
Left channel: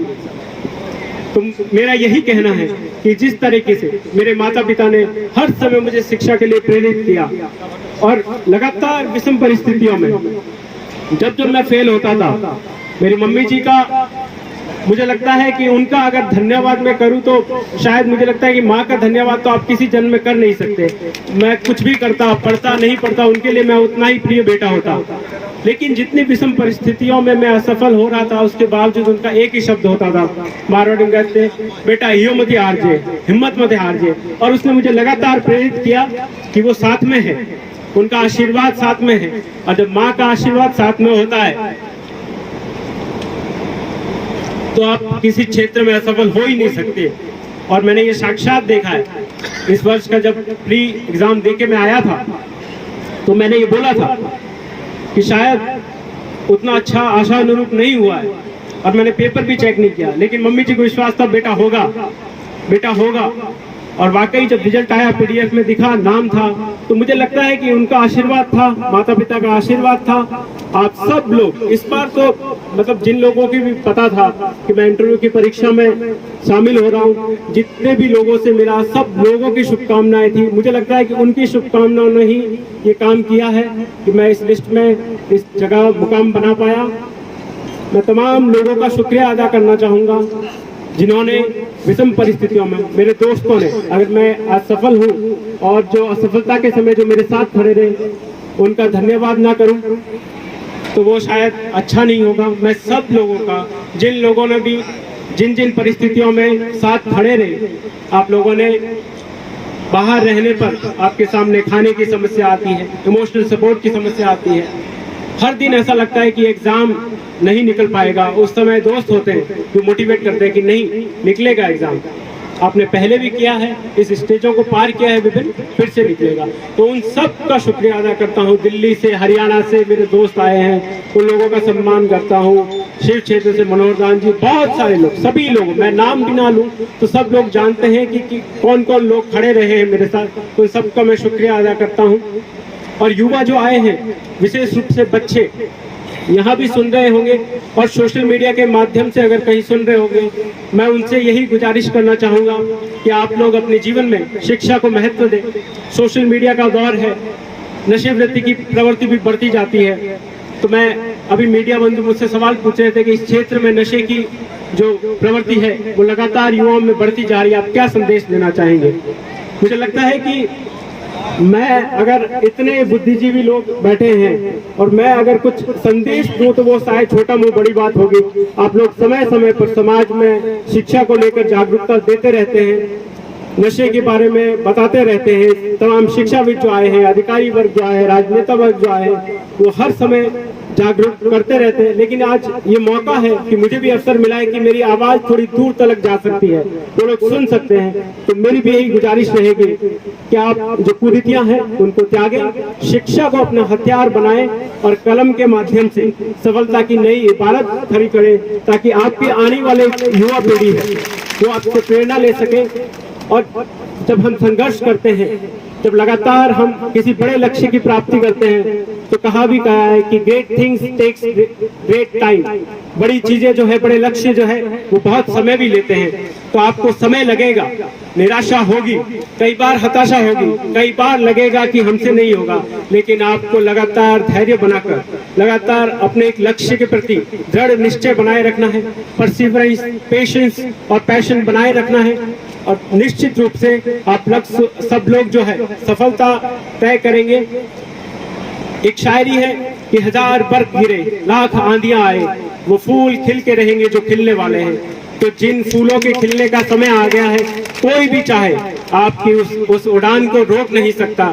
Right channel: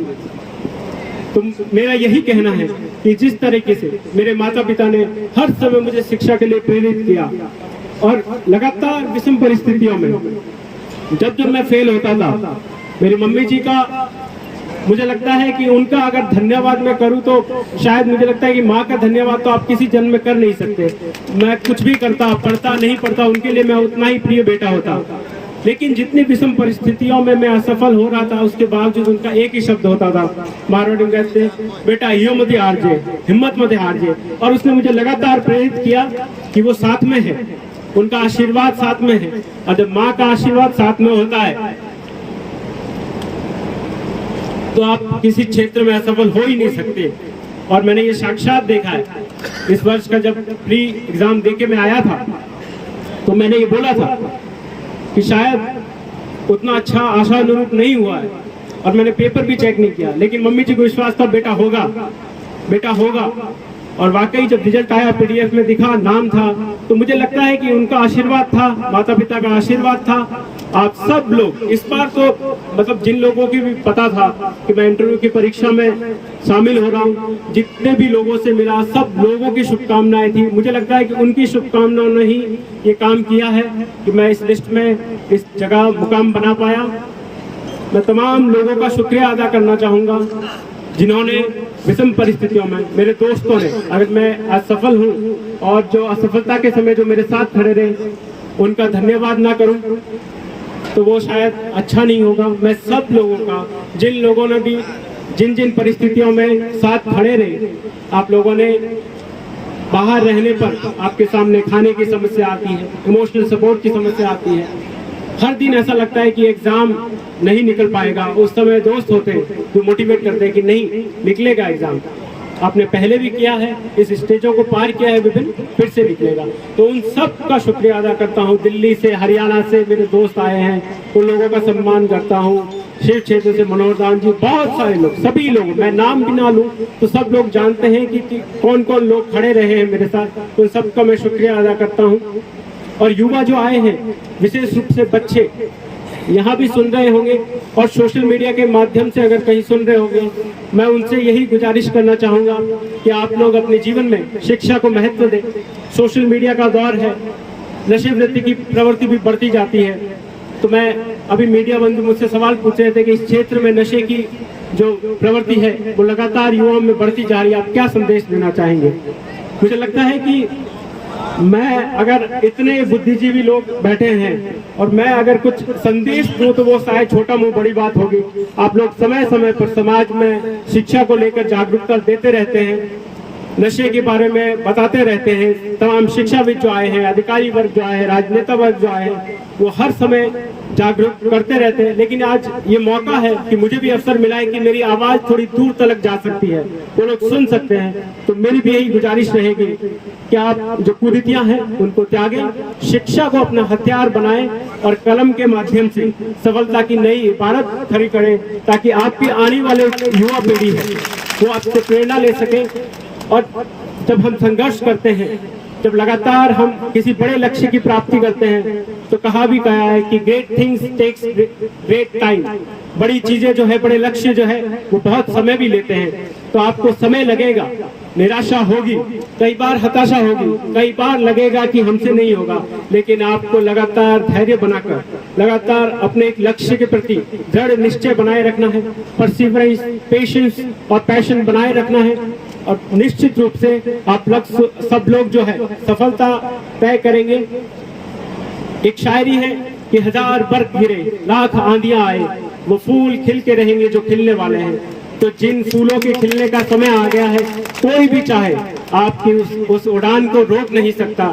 तो मेरा यही कहना है कि जिस तरीके से मेरे माता पिता ने हर समय मुझे शिक्षा के लिए प्रेरित किया, और लगातार विषम परिस्थितियों में जब मैं फेल होता था, मेरी मम्मी जी का मुझे लगता है कि उनका अगर धन्यवाद मैं करूं तो शायद मुझे लगता है कि माँ का धन्यवाद तो आप किसी जन्म में कर नहीं सकते। मैं कुछ भी करता, पढ़ता नहीं पढ़ता, उनके लिए मैं उतना ही प्रिय बेटा होता। लेकिन जितनी विषम परिस्थितियों में मैं असफल हो रहा था, उसके बावजूद उनका एक ही शब्द होता था, मारवाड़ी में कहते, बेटा हियो मत हार जे, हिम्मत मत हार जे। और उसने मुझे लगातार प्रेरित किया कि वो साथ में है, उनका आशीर्वाद साथ में है। और जब माँ का आशीर्वाद साथ में होता है तो आप किसी क्षेत्र में असफल हो ही नहीं सकते। और मैंने ये साक्षात देखा है। इस वर्ष का जब प्री एग्जाम देके मैं आया था तो मैंने ये बोला था कि शायद उतना अच्छा आशा अनुरूप नहीं हुआ है, और मैंने पेपर भी चेक नहीं किया, लेकिन मम्मी जी को विश्वास था बेटा होगा, बेटा होगा। और वाकई जब रिजल्ट आया, पीडीएफ में दिखा, नाम था, तो मुझे लगता है कि उनका आशीर्वाद था, माता पिता का आशीर्वाद था। आप सब लोग इस बार तो मतलब जिन लोगों की भी पता था कि मैं इंटरव्यू की परीक्षा में शामिल हो रहा हूँ, जितने भी लोगों से मिला, सब लोगों की शुभकामनाएं थी। मुझे लगता है कि उनकी शुभकामनाओं ने ही ये काम किया है कि मैं इस लिस्ट में, इस जगह मुकाम बना पाया। मैं तमाम लोगों का शुक्रिया अदा करना चाहूँगा जिन्होंने विषम परिस्थितियों में, मेरे दोस्तों ने, अगर मैं असफल हूँ और जो असफलता के समय जो मेरे साथ खड़े रहे, उनका धन्यवाद ना करूँ तो वो शायद अच्छा नहीं होगा। मैं सब लोगों का, जिन लोगों ने भी जिन परिस्थितियों में साथ खड़े रहे, आप लोगों ने बाहर रहने पर आपके सामने खाने की समस्या आती है, इमोशनल सपोर्ट की समस्या आती है, हर दिन ऐसा लगता है कि एग्जाम नहीं निकल पाएगा। उस समय दोस्त होते हैं जो मोटिवेट करते हैं कि नहीं निकलेगा एग्जाम, आपने पहले भी किया है, इस स्टेजों को पार किया है विभिन्न, फिर से निकलेगा। तो उन सब का शुक्रिया अदा करता हूँ। दिल्ली से, हरियाणा से मेरे दोस्त आए हैं, उन लोगों का सम्मान करता हूँ। शिव क्षेत्र से मनोहर दान जी, बहुत सारे लोग, सभी लोग, मैं नाम भी ना लूँ तो सब लोग जानते हैं कि कौन कौन लोग खड़े रहे हैं मेरे साथ। उन सबका मैं शुक्रिया अदा करता हूँ। और युवा जो आए हैं, विशेष रूप से बच्चे, यहाँ भी सुन रहे होंगे और सोशल मीडिया के माध्यम से अगर कहीं सुन रहे होंगे, मैं उनसे यही गुजारिश करना चाहूँगा कि आप लोग अपने जीवन में शिक्षा को महत्व दें। सोशल मीडिया का दौर है, नशे वृत्ति की प्रवृत्ति भी बढ़ती जाती है। तो मैं अभी मीडिया बंधु मुझसे सवाल पूछ रहे थे कि इस क्षेत्र में नशे की जो प्रवृत्ति है वो लगातार युवाओं में बढ़ती जा रही है, आप क्या संदेश देना चाहेंगे? मुझे लगता है कि मैं अगर इतने बुद्धिजीवी लोग बैठे हैं और मैं अगर कुछ संदेश दूं तो वो शायद छोटा मुंह बड़ी बात होगी। आप लोग समय समय पर समाज में शिक्षा को लेकर जागरूकता देते रहते हैं, नशे के बारे में बताते रहते हैं। तमाम शिक्षाविद जो आए हैं, अधिकारी वर्ग जो आए हैं, राजनेता वर्ग जो आए हैं, वो हर समय जागरूक करते रहते हैं। लेकिन आज ये मौका है कि मुझे भी अवसर मिला है कि मेरी आवाज थोड़ी दूर तक जा सकती है, वो लोग सुन सकते हैं। तो मेरी भी यही गुजारिश रहेगी कि आप जो कुरीतियां हैं उनको त्यागें, शिक्षा को अपना हथियार बनाएं और कलम के माध्यम से सफलता की नई इबारत खड़ी करें, ताकि आपके आने वाले युवा पीढ़ी है वो आपसे प्रेरणा ले सके। और जब हम संघर्ष करते हैं, जब लगातार हम किसी बड़े लक्ष्य की प्राप्ति करते हैं, तो कहा है कि great things takes great time. बड़ी चीजें जो है, बड़े लक्ष्य जो है वो बहुत समय भी लेते हैं। तो आपको समय लगेगा, निराशा होगी, कई बार हताशा होगी, कई बार लगेगा कि हमसे नहीं होगा, लेकिन आपको लगातार धैर्य बनाकर लगातार अपने एक लक्ष्य के प्रति दृढ़ निश्चय बनाए रखना है। परसिवरेंस, पेशेंस और पैशन बनाए रखना है और निश्चित रूप से आप सब लोग जो है सफलता तय करेंगे। एक शायरी है कि 1000 बर्फ गिरे, लाख आंधियां आए, वो फूल खिल के रहेंगे जो खिलने वाले हैं। तो जिन फूलों के खिलने का समय आ गया है, कोई भी चाहे आपकी उस उड़ान को रोक नहीं सकता।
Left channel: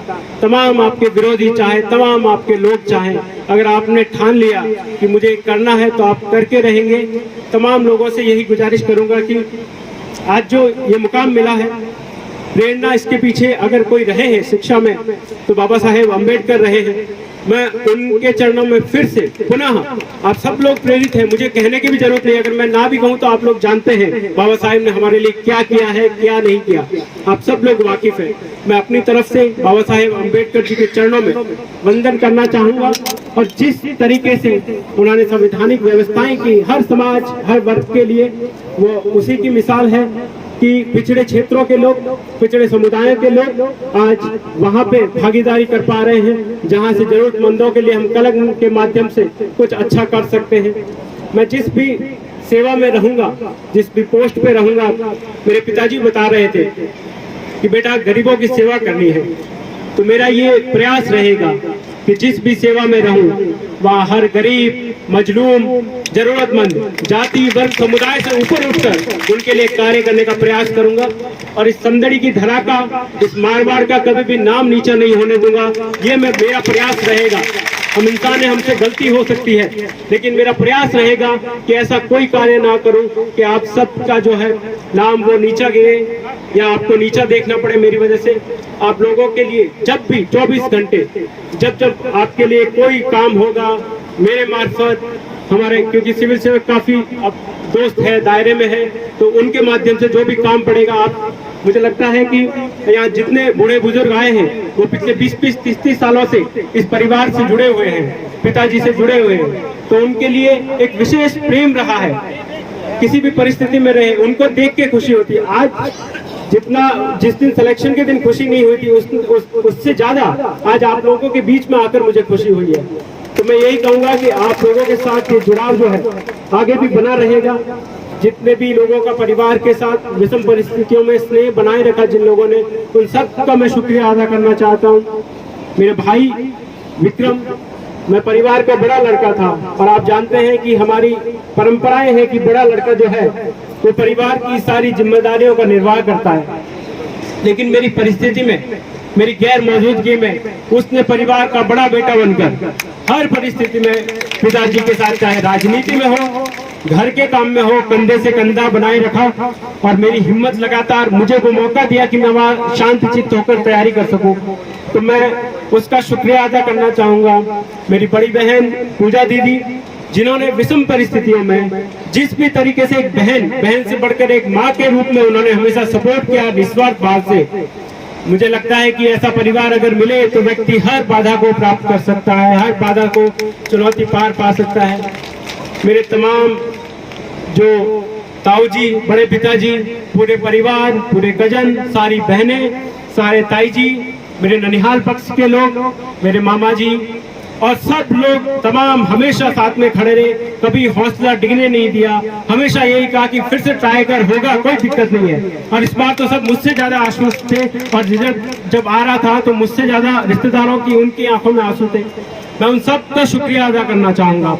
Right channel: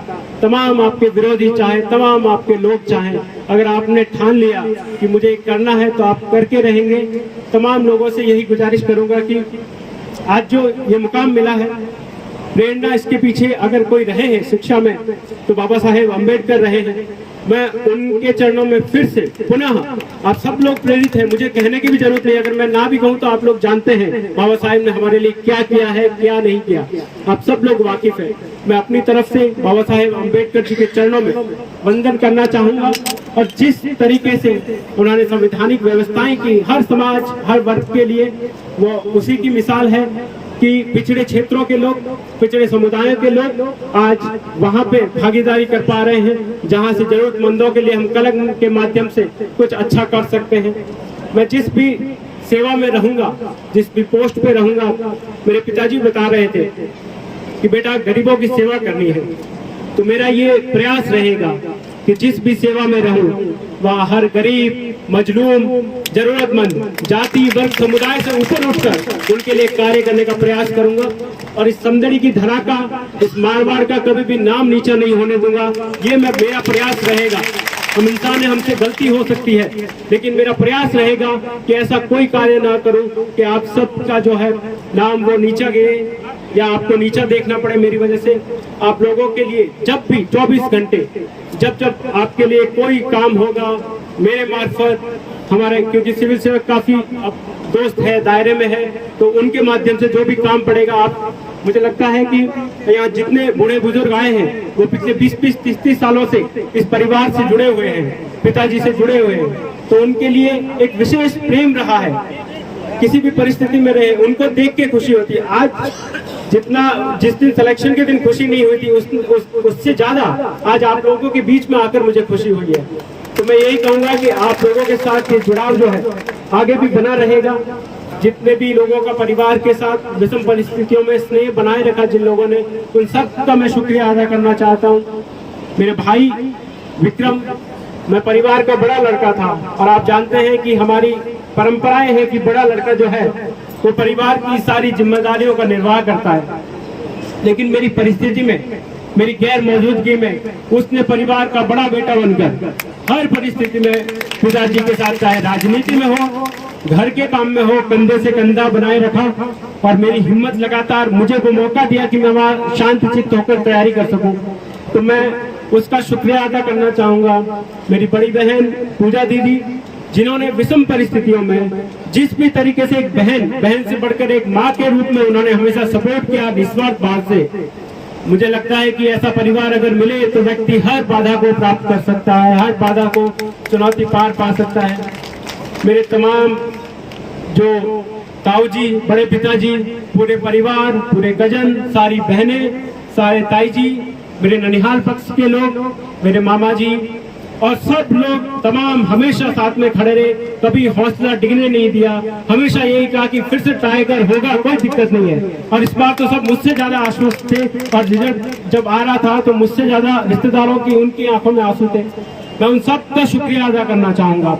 तमाम आपके विरोधी चाहे, तमाम आपके लोग चाहे, अगर आपने ठान लिया कि मुझे करना है तो आप करके रहेंगे। तमाम लोगों से यही गुजारिश करूंगा कि आज जो ये मुकाम मिला है, प्रेरणा इसके पीछे अगर कोई रहे हैं शिक्षा में तो बाबा साहेब अम्बेडकर रहे हैं। मैं उनके चरणों में फिर से पुनः, आप सब लोग प्रेरित हैं, मुझे कहने की भी जरूरत नहीं, अगर मैं ना भी कहूं तो आप लोग जानते हैं बाबा साहेब ने हमारे लिए क्या किया है, क्या नहीं किया, आप सब लोग वाकिफ हैं। मैं अपनी तरफ से बाबा साहेब अम्बेडकर जी के चरणों में वंदन करना चाहूंगा। और जिस तरीके से उन्होंने संवैधानिक व्यवस्थाएं की हर समाज, हर वर्ग के लिए, वो उसी की मिसाल है कि पिछड़े क्षेत्रों के लोग, पिछड़े समुदायों के लोग आज वहां पे भागीदारी कर पा रहे हैं, जहां से जरूरतमंदों के लिए हम कलम के माध्यम से कुछ अच्छा कर सकते हैं। मैं जिस भी सेवा में रहूंगा, जिस भी पोस्ट पे रहूंगा, मेरे पिताजी बता रहे थे कि बेटा गरीबों की सेवा करनी है, तो मेरा ये प्रयास रहेगा कि जिस भी सेवा में रहूं वहाँ हर गरीब, मजलूम, जरूरतमंद, जाति, वर्ग, समुदाय से ऊपर उठकर उनके लिए कार्य करने का प्रयास करूंगा। और इस समदड़ी की धरा का, इस मारवाड़ का कभी भी नाम नीचा नहीं होने दूंगा। ये मेरा प्रयास रहेगा। हम इंसान हैं, हमसे गलती हो सकती है, लेकिन मेरा प्रयास रहेगा कि ऐसा कोई कार्य ना करूं कि आप सबका जो है नाम वो नीचा गिरे या आपको नीचा देखना पड़े मेरी वजह से। आप लोगों के लिए जब भी 24 घंटे जब आपके लिए कोई काम होगा मेरे मार्फत, हमारे क्योंकि सिविल सेवक काफी अब दोस्त है, दायरे में है, तो उनके माध्यम से जो भी काम पड़ेगा आप, मुझे लगता है कि यहाँ जितने बूढ़े बुजुर्ग आए हैं वो पिछले 20-20, 30-30 सालों से इस परिवार से जुड़े हुए हैं, पिताजी से जुड़े हुए हैं, तो उनके लिए एक विशेष प्रेम रहा है। किसी भी परिस्थिति में रहे, उनको देख के खुशी होती है। आज जिस दिन सिलेक्शन के दिन खुशी नहीं हुई थी, उससे ज्यादा आज आप लोगों के बीच में आकर मुझे खुशी हुई है। तो मैं यही कहूंगा कि आप लोगों के साथ ये जुड़ाव जो है आगे भी बना रहेगा। जितने भी लोगों का परिवार के साथ विषम परिस्थितियों में स्नेह बनाए रखा जिन लोगों ने, उन सब का मैं शुक्रिया अदा करना चाहता हूँ। मेरे भाई विक्रम, मैं परिवार का बड़ा लड़का था और आप जानते हैं कि हमारी परंपराएं है कि बड़ा लड़का जो है वो परिवार की सारी जिम्मेदारियों का निर्वाह करता है। लेकिन मेरी परिस्थिति में, मेरी गैर मौजूदगी में उसने परिवार का बड़ा बेटा बनकर हर परिस्थिति में पिताजी के साथ, चाहे राजनीति में हो, घर के काम में हो, कंधे से कंधा बनाए रखा और मेरी हिम्मत लगातार मुझे वो मौका दिया कि मैं वहाँ शांत चित्त होकर तैयारी कर सकूं। तो मैं उसका शुक्रिया अदा करना चाहूंगा। मेरी बड़ी बहन पूजा दीदी, जिन्होंने विषम परिस्थितियों में जिस भी तरीके से एक बहन से बढ़कर एक माँ के रूप में उन्होंने हमेशा सपोर्ट किया निस्वार्थ भाव से, मुझे लगता है कि ऐसा परिवार अगर मिले तो व्यक्ति हर बाधा को प्राप्त कर सकता है, हर बाधा को चुनौती पार पा सकता है। मेरे तमाम जो ताऊ जी, बड़े पिताजी, पूरे परिवार, पूरे कजन, सारी बहनें, सारे ताई जी, मेरे ननिहाल पक्ष के लोग, मेरे मामा जी और सब लोग तमाम हमेशा साथ में खड़े रहे, कभी हौसला डिगने नहीं दिया, हमेशा यही कहा कि फिर से ट्राई कर, होगा, कोई दिक्कत नहीं है। और इस बार तो सब मुझसे ज्यादा आश्वस्त थे और रिजल्ट जब आ रहा था तो मुझसे ज्यादा रिश्तेदारों की, उनकी आंखों में आंसू थे। मैं उन सब का शुक्रिया अदा करना चाहूंगा।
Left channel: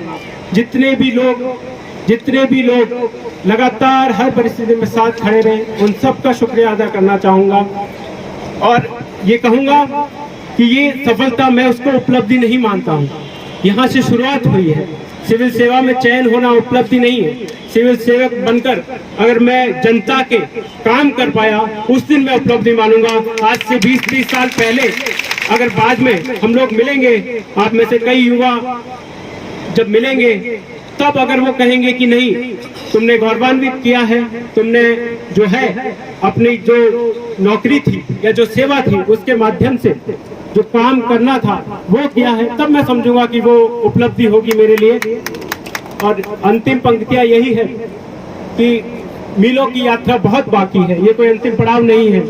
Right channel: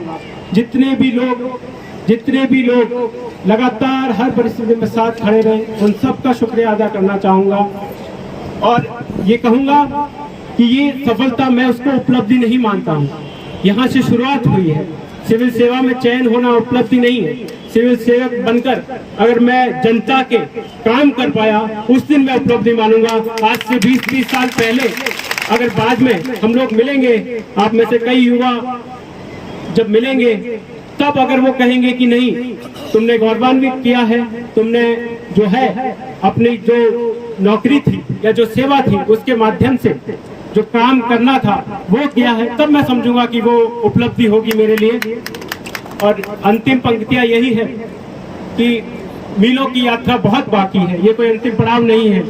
जितने भी लोग लगातार हर परिस्थिति में साथ खड़े रहे, उन सब का शुक्रिया अदा करना चाहूंगा। और ये कहूंगा कि ये सफलता मैं उसको उपलब्धि नहीं मानता हूँ, यहाँ से शुरुआत हुई है। सिविल सेवा में चयन होना उपलब्धि नहीं है। सिविल सेवक बनकर अगर मैं जनता के काम कर पाया, उस दिन मैं उपलब्धि मानूंगा। आज से 20-30 साल पहले अगर बाद में हम लोग मिलेंगे, आप में से कई युवा जब मिलेंगे, तब अगर वो कहेंगे कि नहीं, तुमने गौरवान्वित किया है, तुमने जो है अपनी जो नौकरी थी या जो सेवा थी उसके माध्यम से जो काम करना था वो किया है, तब मैं समझूंगा कि वो उपलब्धि होगी मेरे लिए। और अंतिम पंक्तियां यही है कि मीलों की यात्रा बहुत बाकी है, ये कोई अंतिम पड़ाव नहीं है।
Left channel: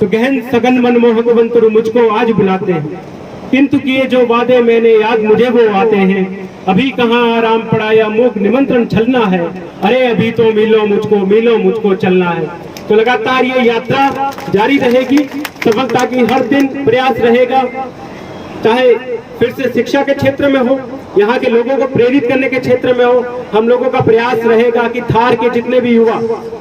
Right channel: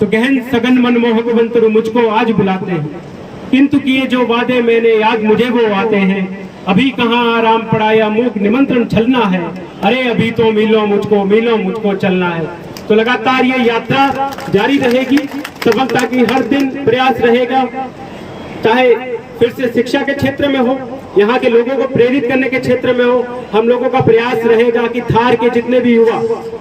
तो गहन सघन मनमोहक बंतरु मुझको आज बुलाते हैं, किंतु किए जो वादे मैंने याद मुझे वो आते हैं। अभी कहाँ आराम पड़ाया मूक निमंत्रण छलना है, अरे अभी तो मिलो मुझको चलना है। तो लगातार ये यात्रा जारी रहेगी, सफलता की हर दिन प्रयास रहेगा, चाहे फिर से शिक्षा के क्षेत्र में हो, यहाँ के लोगों को प्रेरित करने के क्षेत्र में हो। हम लोगों का प्रयास रहेगा कि थार के जितने भी युवा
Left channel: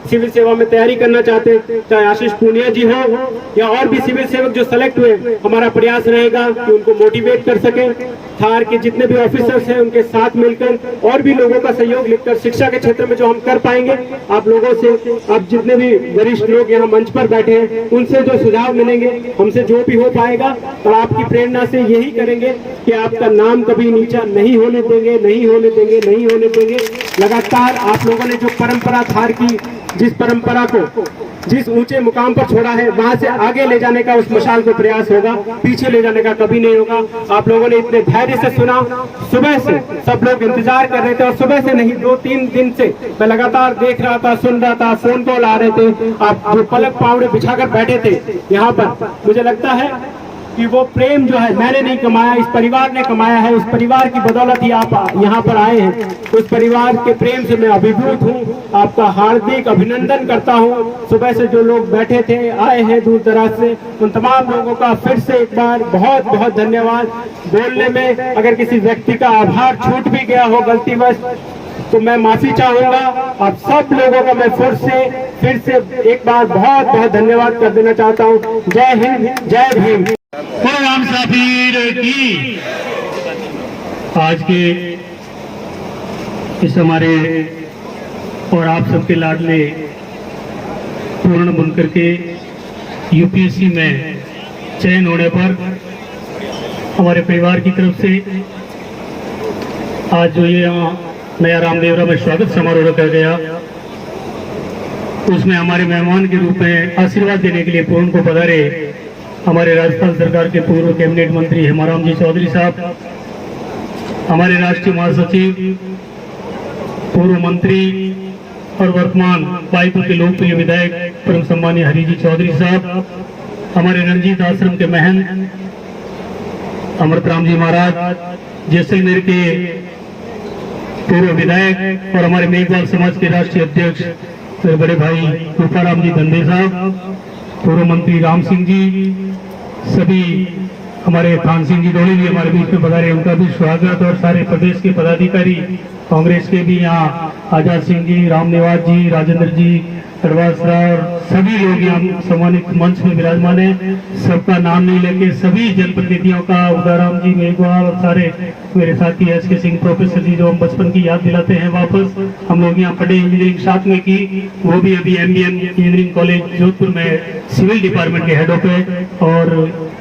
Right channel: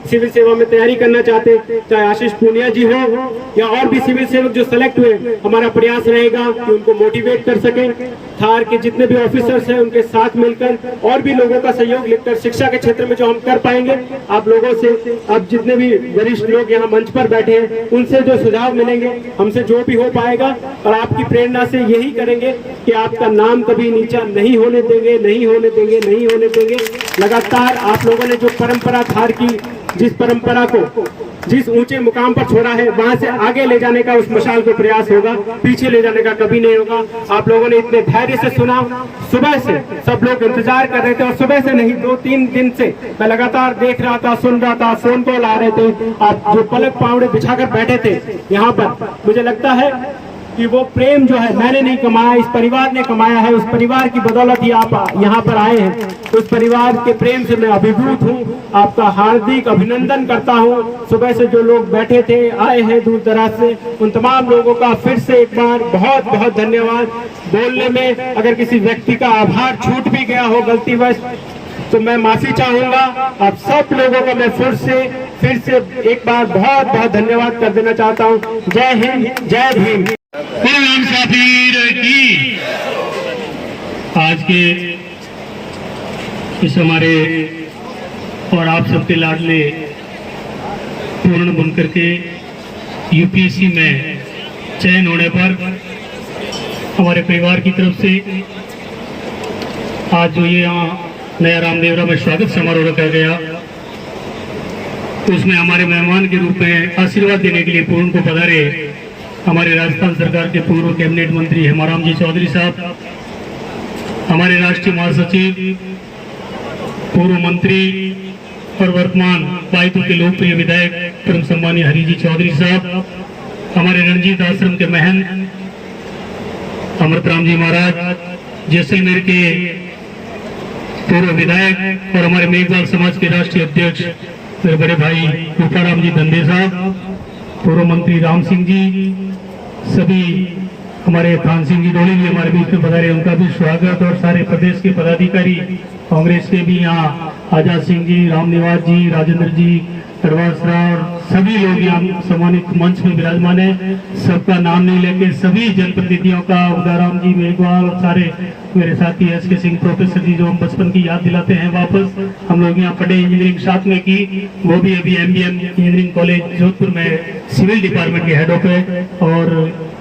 सिविल सेवा में तैयारी करना चाहते हैं, चाहे आशीष पूनिया जी हो या और भी सिविल सेवक जो सेलेक्ट हुए, हमारा प्रयास रहेगा कि उनको मोटिवेट कर सके। थार के जितने भी ऑफिसर्स हैं उनके साथ मिलकर और भी लोगों का सहयोग लेकर शिक्षा के क्षेत्र में जो हम कर पाएंगे, आप लोगों से, आप जितने भी वरिष्ठ लोग यहाँ मंच पर बैठे हैं, उनसे जो सुझाव मिलेंगे, हमसे जो भी हो पाएगा, और आपकी प्रेरणा से यही करेंगे कि आपका नाम कभी नीचा नहीं होने देंगे। लगातार आप लोगों ने जो परंपरा थार की, जिस परंपरा को जिस ऊंचे मुकाम पर छोड़ा है, वहां से आगे ले जाने का उस मशाल को प्रयास होगा, पीछे ले जाने का कभी नहीं होगा। आप लोगों ने इतने धैर्य से सुना, सुबह से सब लोग इंतजार कर रहे थे, और सुबह से नहीं 2-3 दिन से मैं लगातार देख रहा था, सुन रहा था, फोन कॉल आ रहे थे। आप जो पलक पावड़े बिछाकर बैठे थे यहाँ पर, मुझे लगता है कि वो प्रेम जो है मैंने नहीं कमाया, इस परिवार ने कमाया है। उस परिवार की बदौलत ही आप यहाँ पर आए हैं। उस परिवार के प्रेम से मैं अभिभूत हूँ, आपका हार्दिक अभिनंदन करता हूँ। सुबह से जो लोग बैठे थे, आए हैं दूर दराज से, उन तमाम लोगों का फिर से एक बार बहुत बहुत धन्यवाद। बोलने में अगर किसी व्यक्ति का आभार छूट भी गया हो गलतीवश, तो मैं माफी चाहूंगा। आप सब लोगों का मैं फिर से एक बार बहुत बहुत धन्यवाद कर देना चाहता हूँ। जय हिंद, जय भीम। राम साफीर की आज के इस हमारे और आप सबके लाडले पूर्ण बनकर के यूपीएससी में चयन होने पर हमारे परिवार की तरफ से आज जो ये यहाँ नया रामदेवरा में स्वागत समारोह रखा गया, तो उसमें हमारे मेहमान के रूप में आशीर्वाद देने के लिए पूर्ण को पधारे हमारे राजस्थान सरकार के पूर्व कैबिनेट मंत्री हेमाराम जी चौधरी साहब, हमारे राष्ट्रीय महासचिव, पूर्व मंत्री और वर्तमान बाईतू के लोकप्रिय विधायक परम सम्मानीय हरि जी चौधरी साहब, हमारे रंजीत आश्रम के महंत अमृतराम जी महाराज, जैसलमेर के पूर्व विधायक और हमारे मेघवाल समाज के राष्ट्रीय अध्यक्ष मेरे बड़े भाई रूपाराम जी धंधे साहब, पूर्व मंत्री राम सिंह जी, सभी हमारे थान सिंह जी धोनी जी हमारे बीच में पधारे, उनका भी स्वागत। और सारे प्रदेश के पदाधिकारी कांग्रेस के भी यहाँ आजाद सिंह जी, राम निवास जी, राजेंद्र जी, करवास राव, सभी लोग यहाँ सम्मानित मंच में विराजमान है। सबका नाम नहीं लेके सभी जनप्रतिनिधियों का, उदाराम जी, मेघवाल और सारे मेरे साथी SK सिंह प्रोफेसर जी जो हम बचपन की याद दिलाते हैं वापस। हम लोग यहाँ पढ़े, इंजीनियरिंग साथ में की, वो भी अभी MBM इंजीनियरिंग कॉलेज जोधपुर में सिविल डिपार्टमेंट के हेड ऑफ है। और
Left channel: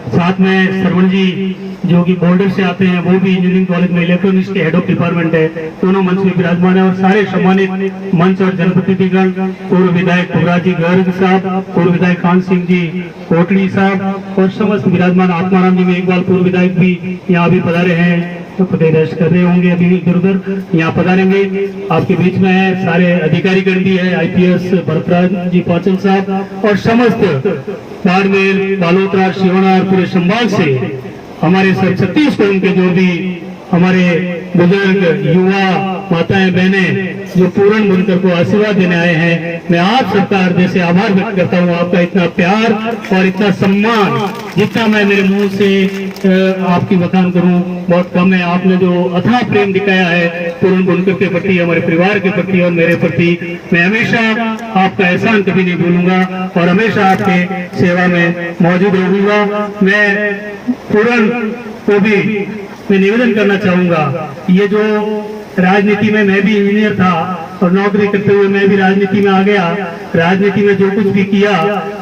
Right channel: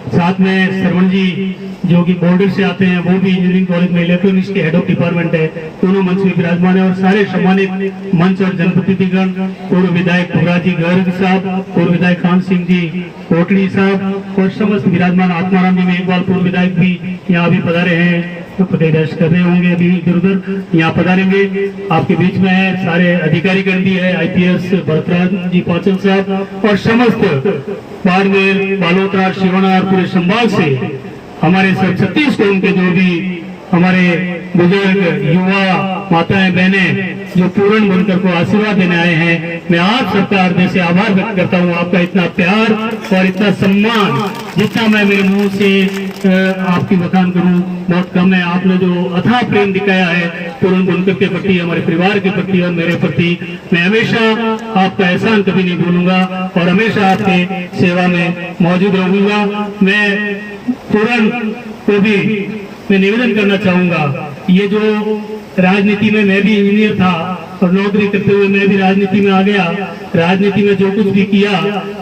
साथ में श्रवण जी जो कि बॉर्डर से आते हैं, वो भी इंजीनियरिंग कॉलेज में इलेक्ट्रॉनिक्स के हेड ऑफ डिपार्टमेंट है, दोनों मंच में विराजमान है। और सारे सम्मानित मंच और जनप्रतिनिधिगण, पूर्व विधायक पुराजी गर्ग साहब, पूर्व विधायक खान सिंह जी कोटड़ी साहब और समस्त विराजमान आत्माराम जी में एक बार पूर्व विधायक भी यहाँ भी पधारे हैं, रेस्ट कर रहे होंगे, अभी इधर उधर यहाँ पधारेंगे। आपके बीच में है सारे अधिकारी गण भी है, IPS भरतराज जी पाचल साहब और समस्त बाड़मेर, बालोतरा, शिवना और पूरे संभाग से हमारे सब 36 कौम के जो भी हमारे बुजुर्ग, युवा, माताएं, बहनें जो पूर्ण बनकर को आशीर्वाद देने आए हैं, मैं आप सबका हृदय से आभार व्यक्त करता हूँ। आपका इतना प्यार और इतना सम्मान जितना मैं मेरे मुंह से आपकी बखान करूं बहुत कम है। आपने जो अथाह प्रेम दिखाया है पूर्ण बनकर के प्रति, हमारे परिवार के प्रति और मेरे प्रति, मैं हमेशा आपका एहसान कभी नहीं भूलूंगा और हमेशा आपके सेवा में मौजूद रहूंगा। मैं पूर्ण को भी मैं निवेदन करना चाहूंगा, ये जो राजनीति में मैं भी इंजीनियर था और नौकरी करते हुए मैं भी राजनीति में आ गया, राजनीति में जो कुछ भी किया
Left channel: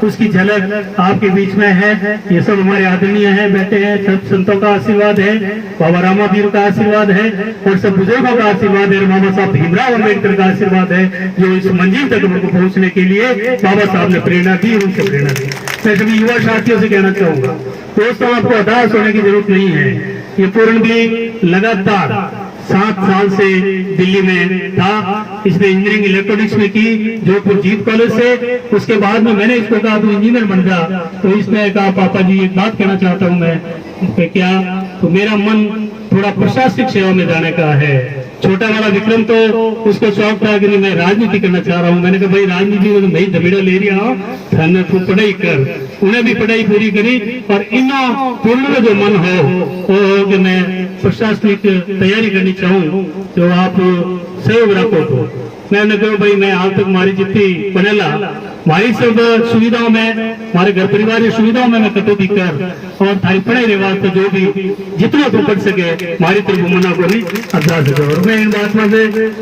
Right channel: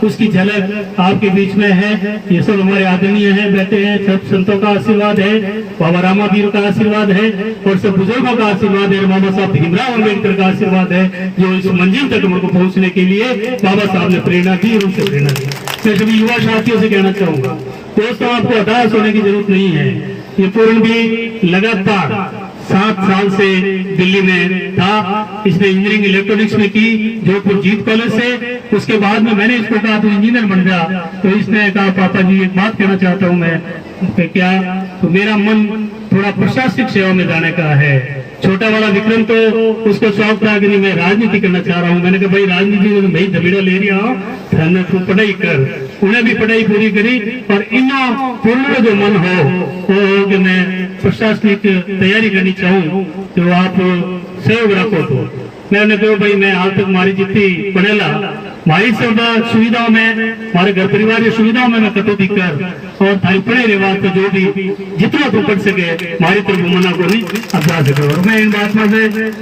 उसकी झलक आपके बीच में है। ये सब हमारे आदरणीय हैं, बैठे हैं, सब संतों का आशीर्वाद है, बाबा रामावीर का आशीर्वाद है और सब बुजुर्गों का आशीर्वाद है, बाबा साहब भीमराव अम्बेडकर का आशीर्वाद है, जो इस मंजिल तक हमको पहुंचने के लिए बाबा साहब ने प्रेरणा दी, उनसे प्रेरणा दी। मैं सभी युवा साथियों से कहना चाहूंगा, दोस्तों आपको हताश होने की जरूरत नहीं है। ये पूर्ण भी लगातार 7 साल से दिल्ली में था, इसने इंजीनियरिंग इलेक्ट्रॉनिक्स में की जोधपुर जीत कॉलेज से। उसके बाद में मैंने इसको कहा तू इंजीनियर बन जा, तो इसने कहा पापा जी एक बात कहना चाहता हूँ मैं, क्या? तो मेरा मन थोड़ा प्रशासनिक सेवा में जाने का है। छोटा वाला विक्रम तो उसको शौक था कि नहीं मैं राजनीति करना चाह रहा हूँ। मैंने कहा भाई राजनीति में तो मैं दबेड़ा ले रहा हूँ, तू पढ़ाई कर। उन्हें भी पढ़ाई पूरी करी और इन्हों पूर्ण जो मन हो कि मैं प्रशासनिक तैयारी करनी चाहूँ तो आप सहयोग रखो। तो मैंने कहा भाई मैं आज तक हमारी जितनी बनेला हमारी सब सुविधाओं में, हमारे घर परिवार की सुविधाओं में मैं कटौती कर और थारी पढ़ाई रिवाज तो जो भी जितना तू पढ़ सके हमारी तरफ मना को नहीं अभ्यास सके। और मैं इन बात में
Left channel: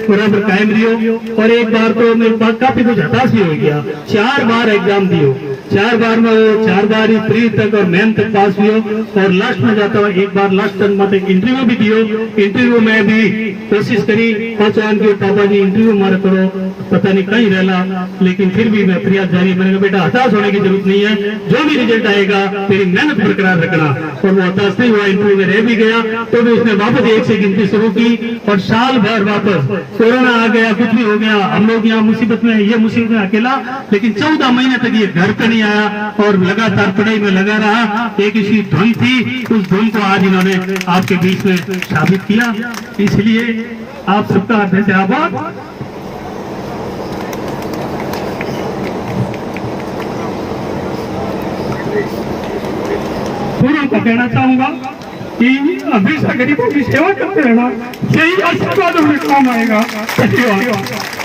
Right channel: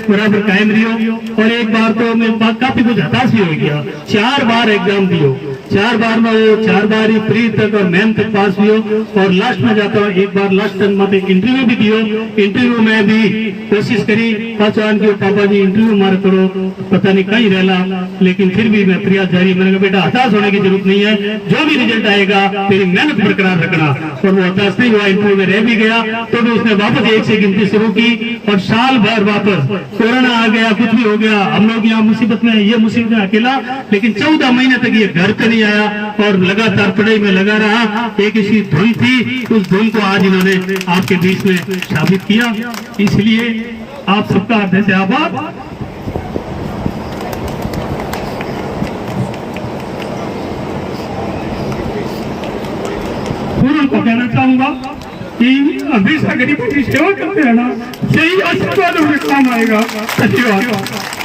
बराबर कायम रही और एक बार तो मैं काफी कुछ हताश भी हो गया। 4 बार एग्जाम दियो, 4 बार में वो 4 बार ही प्री तक और मैम तक पास हुई और लास्ट में जाता हुआ एक बार लास्ट टर्म में इंटरव्यू भी दियो। इंटरव्यू में भी कोशिश करी पहचान के पापा जी इंटरव्यू मार करो, पता नहीं कहीं रहला, लेकिन फिर भी मैं प्रयास जारी। मैंने कहा बेटा हताश होने की जरूरत नहीं है, जो भी रिजल्ट आएगा तेरी मेहनत बरकरार रखना। और वो हताश नहीं हुआ, इंटरव्यू में रह भी गया तो भी उसने वापस 1 से गिनती शुरू की और साल भर वापस कोरोना आ गया, कुछ भी हो गया, हम लोग यहाँ मुसीबत में, ये मुसीबत में अकेला, लेकिन 14 महीने तक ये घर पे नहीं आया और लगातार पढ़ाई में लगा रहा। एक इसकी धुन थी, उस धुन को आज इन्होंने आपके बीच में साबित किया, इसलिए आप सबका हृदय से आभार। पूर्ण को कहना चाहूंगा कि हमेशा गरीबों की सेवा करते रहना, यही आशीर्वाद हमें काम आएगा। धन्यवाद।